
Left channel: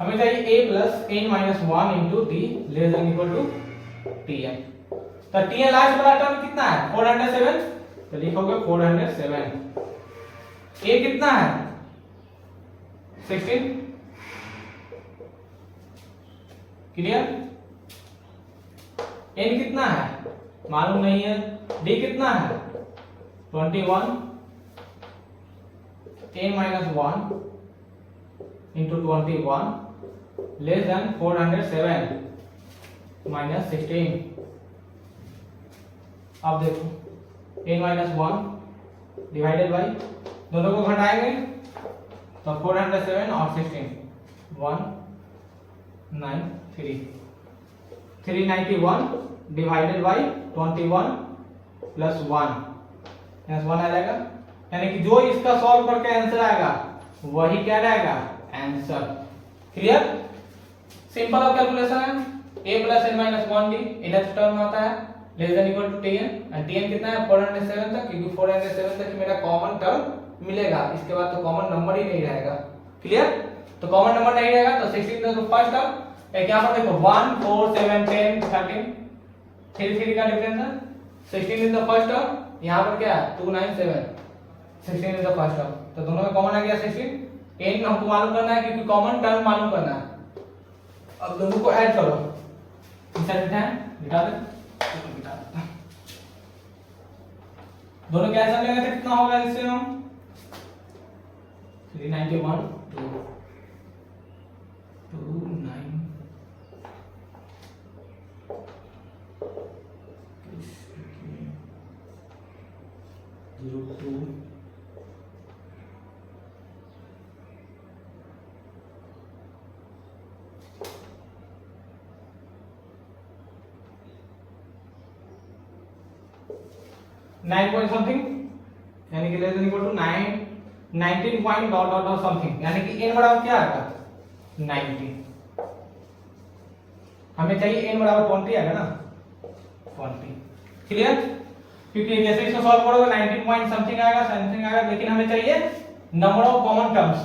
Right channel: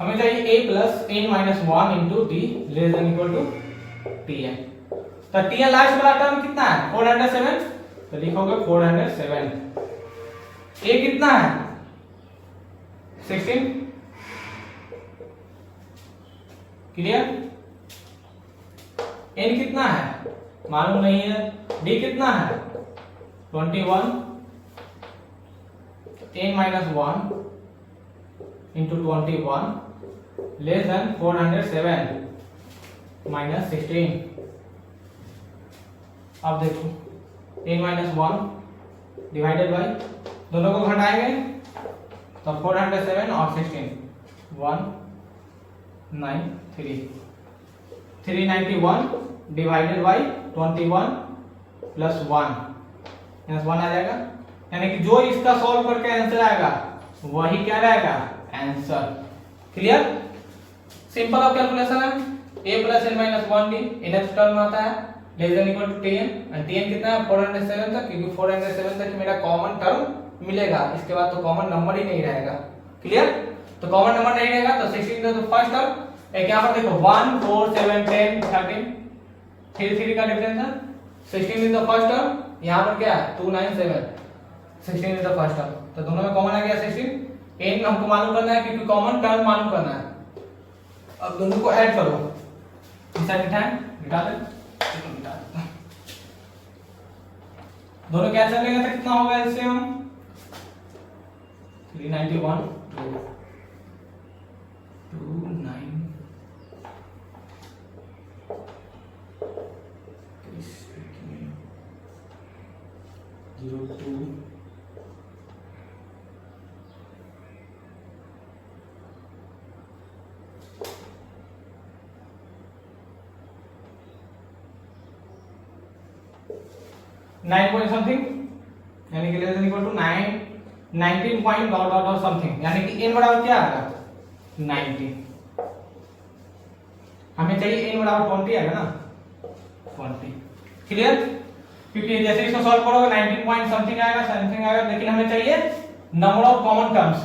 हमें चाहिए a plus n minus 1 into D less than equal to tn, तो tn लास्ट वाला टर्म कितना है 407, तो लिखोगे 407, a कितना है 16, क्लियर। n कितना है मालूम नहीं है, d कितना है 21, n minus 1 into 21 less than 407 minus 16, अब देखो n माइनस 1 डिवाइडेड बाई, दोनों को घटाएंगे तो 407 और 16 193, 391 डिवाइडेड बाई 21 प्लस 1 आ जाएगा, यानी कि जो इसका सॉल्व करके आंसर आएगा वही क्या रहेगा answer. Clear. Simple of calculation है, a plus n minus 1d next term आता है less than equal to tn, and tn कितना है 407 तक, क्योंकि 407 तक मेरा कॉमन टर्म मिलेगा, इसके बाद तो कॉमन नंबर ही नहीं रहेगा। क्लियर। तो कॉमन नंबर नहीं रहेगा तो 16 तो फर्स्ट टर्म, एक यहां पर देखो 1 4 7 10 13 3 का डिफरेंस है, 16 इन द फर्स्ट टर्म, यहां पर क्या है 297, 16 इन द फर्स्ट टर्म, तो दोनों में कॉमन आ गया 16, n हमको मालूम करना है क्योंकि कॉमन टर्म मालूम करना है। अब दोनों को ऐड करो, इस साइड मिटा दे, मिटा दे, दोनों कैंसिल लेंगे तो कितना होगा एलसीएम 391 9 पॉइंट समथिंग, यानी कि less than equal to 19 point dot dot dot something, यानी कि n बराबर क्या आएगा 90, हमें चाहिए n बराबर 20 आएगा ना 20। क्लियर। क्योंकि जैसे इसको सॉल्व करोगे 19 पॉइंट समथिंग आएगा, लेकिन हमें चाहिए नंबर ऑफ कॉमन टर्म्स,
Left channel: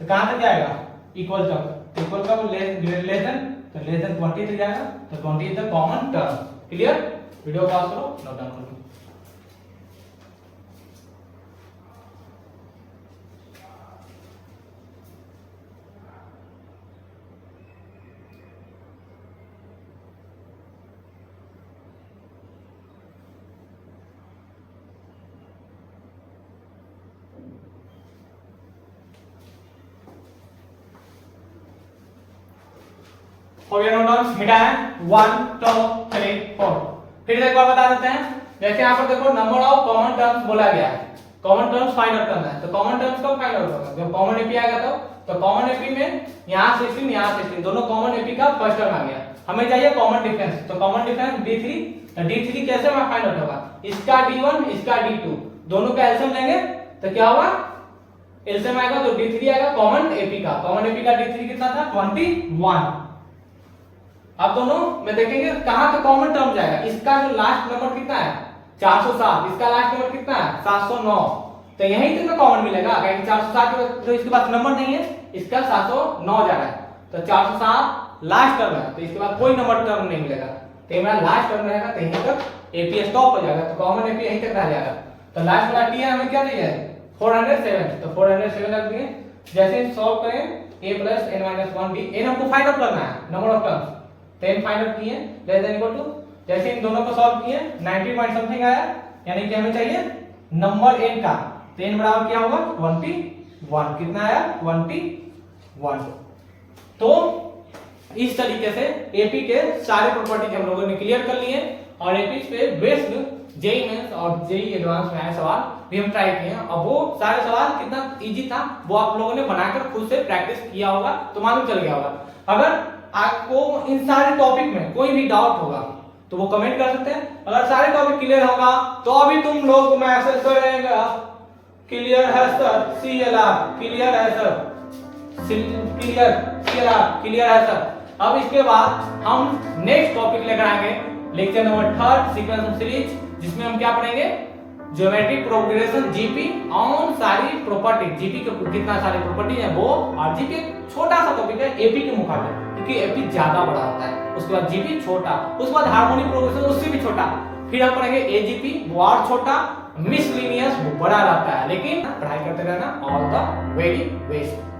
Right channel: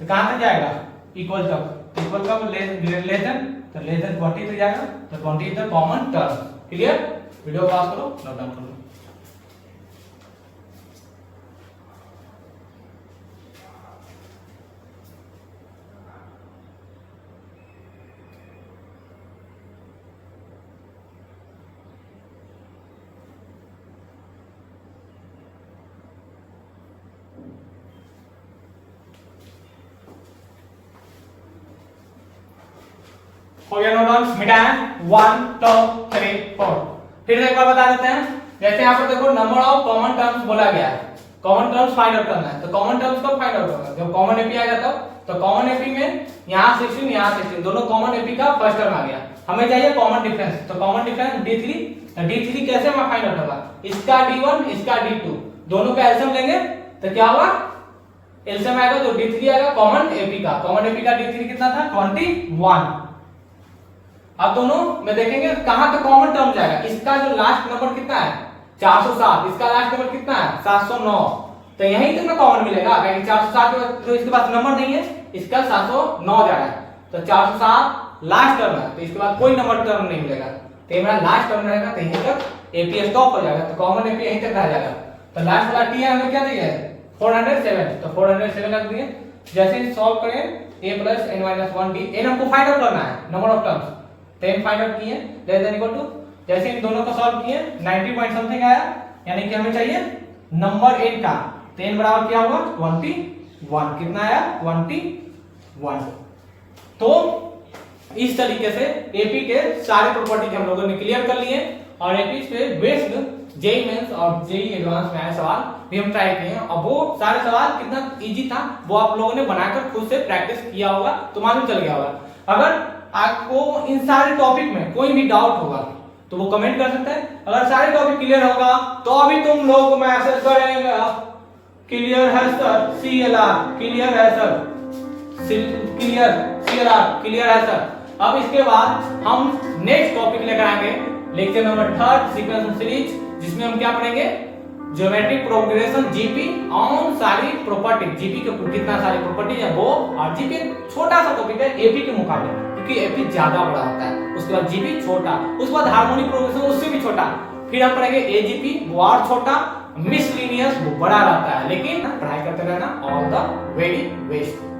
तो कहां तक जाएगा इक्वल तक, इक्वल का लेस देन, तो लेस देन 20 तक जाएगा, तो 20 is the common term. Clear. Video पास करो, नोट डाउन करो। हो गया नोट डाउन, मिटाया 1 2 3 4। फिर से एक बार बता देते हैं, जैसे यहां पर देखो नंबर ऑफ कॉमन टर्म्स बोला गया है, कॉमन टर्म्स फाइंड आउट करना है, तो कॉमन टर्म्स कब फाइंड आउट करना, जब कॉमन एपी आएगा तब, तो कॉमन एपी में यहां 16 यहां 16 दोनों कॉमन एपी का फर्स्ट टर्म आ गया, हमें चाहिए कॉमन डिफरेंस, तो कॉमन डिफरेंस d3 तो D3 कैसे मैं फाइंड आउट होगा, इसका D1 इसका D2 दोनों का एलसीएम लेंगे तो क्या होगा, एलसीएम आएगा तो D3 आएगा कॉमन AP का D3 कितना था 21। अब दोनों में देखेंगे कहां तक कॉमन टर्म जाएगा, इसका जो लास्ट नंबर कितना है 407, इसका लास्ट नंबर कितना है 709, तो यहीं तक में कॉमन मिलेगा क्योंकि 407 जो इसके पास नंबर नहीं है, इसका 709 जा रहा है तो 407 लास्ट टर्म है, तो इसके बाद कोई नंबर टर्म नहीं मिलेगा, तो ये मेरा लास्ट टर्म रहेगा, तो यहीं तक एपी स्टॉप हो जाएगा, तो कॉमन एपी यहीं तक रह जाएगा। तो लास्ट वाला टी हमें क्या चाहिए 407, तो 407 रख दिए। जैसे ही सॉल्व करें a plus n minus 1 b, n हमको फाइंड आउट करना है नंबर ऑफ टर्म्स, तो n फाइंड आउट किए लेस देन इक्वल टू, जैसे इन दोनों को सॉल्व किए 90 पॉइंट समथिंग आया, यानी कि हमें चाहिए नंबर n का, तो n बराबर क्या होगा 21, कितना आया 21। तो इस तरीके से एपी के सारे प्रॉपर्टीज हम लोगों ने क्लियर कर लिए और एपी पे बेस्ड जेईई मेंस और जेईई एडवांस में आए सवाल भी हम ट्राई किए हैं, और वो सारे सवाल कितना इजी था वो आप लोगों ने बनाकर खुद से प्रैक्टिस किया होगा तो मालूम चल गया होगा। अगर आपको इन सारे टॉपिक में कोई भी डाउट होगा तो वो कमेंट कर सकते हैं, अगर सारे टॉपिक क्लियर होगा तो अभी तुम लोग मैसेज करेंगे क्लियर है सर, CLR क्लियर है सर, क्लियर है सर। अब इसके बाद हम नेक्स्ट टॉपिक लेकर आएंगे lecture number 3 sequence of series, जिसमें हम क्या पढ़ेंगे ज्योमेट्रिक प्रोग्रेशन जीपी ऑन सारी प्रॉपर्टी, जीपी के कितना सारी प्रॉपर्टीज है वो, और जीपी छोटा सा टॉपिक है एपी के मुकाबले क्योंकि एपी ज्यादा बड़ा होता है, उसके बाद जीपी छोटा, उसके बाद हार्मोनिक प्रोग्रेशन उससे भी छोटा, फिर हम पढ़ेंगे एजीपी वो और छोटा, मिसलिनियस वो बड़ा रहता है। लेकिन पढ़ाई करते रहना, ऑल द वेरी बेस्ट।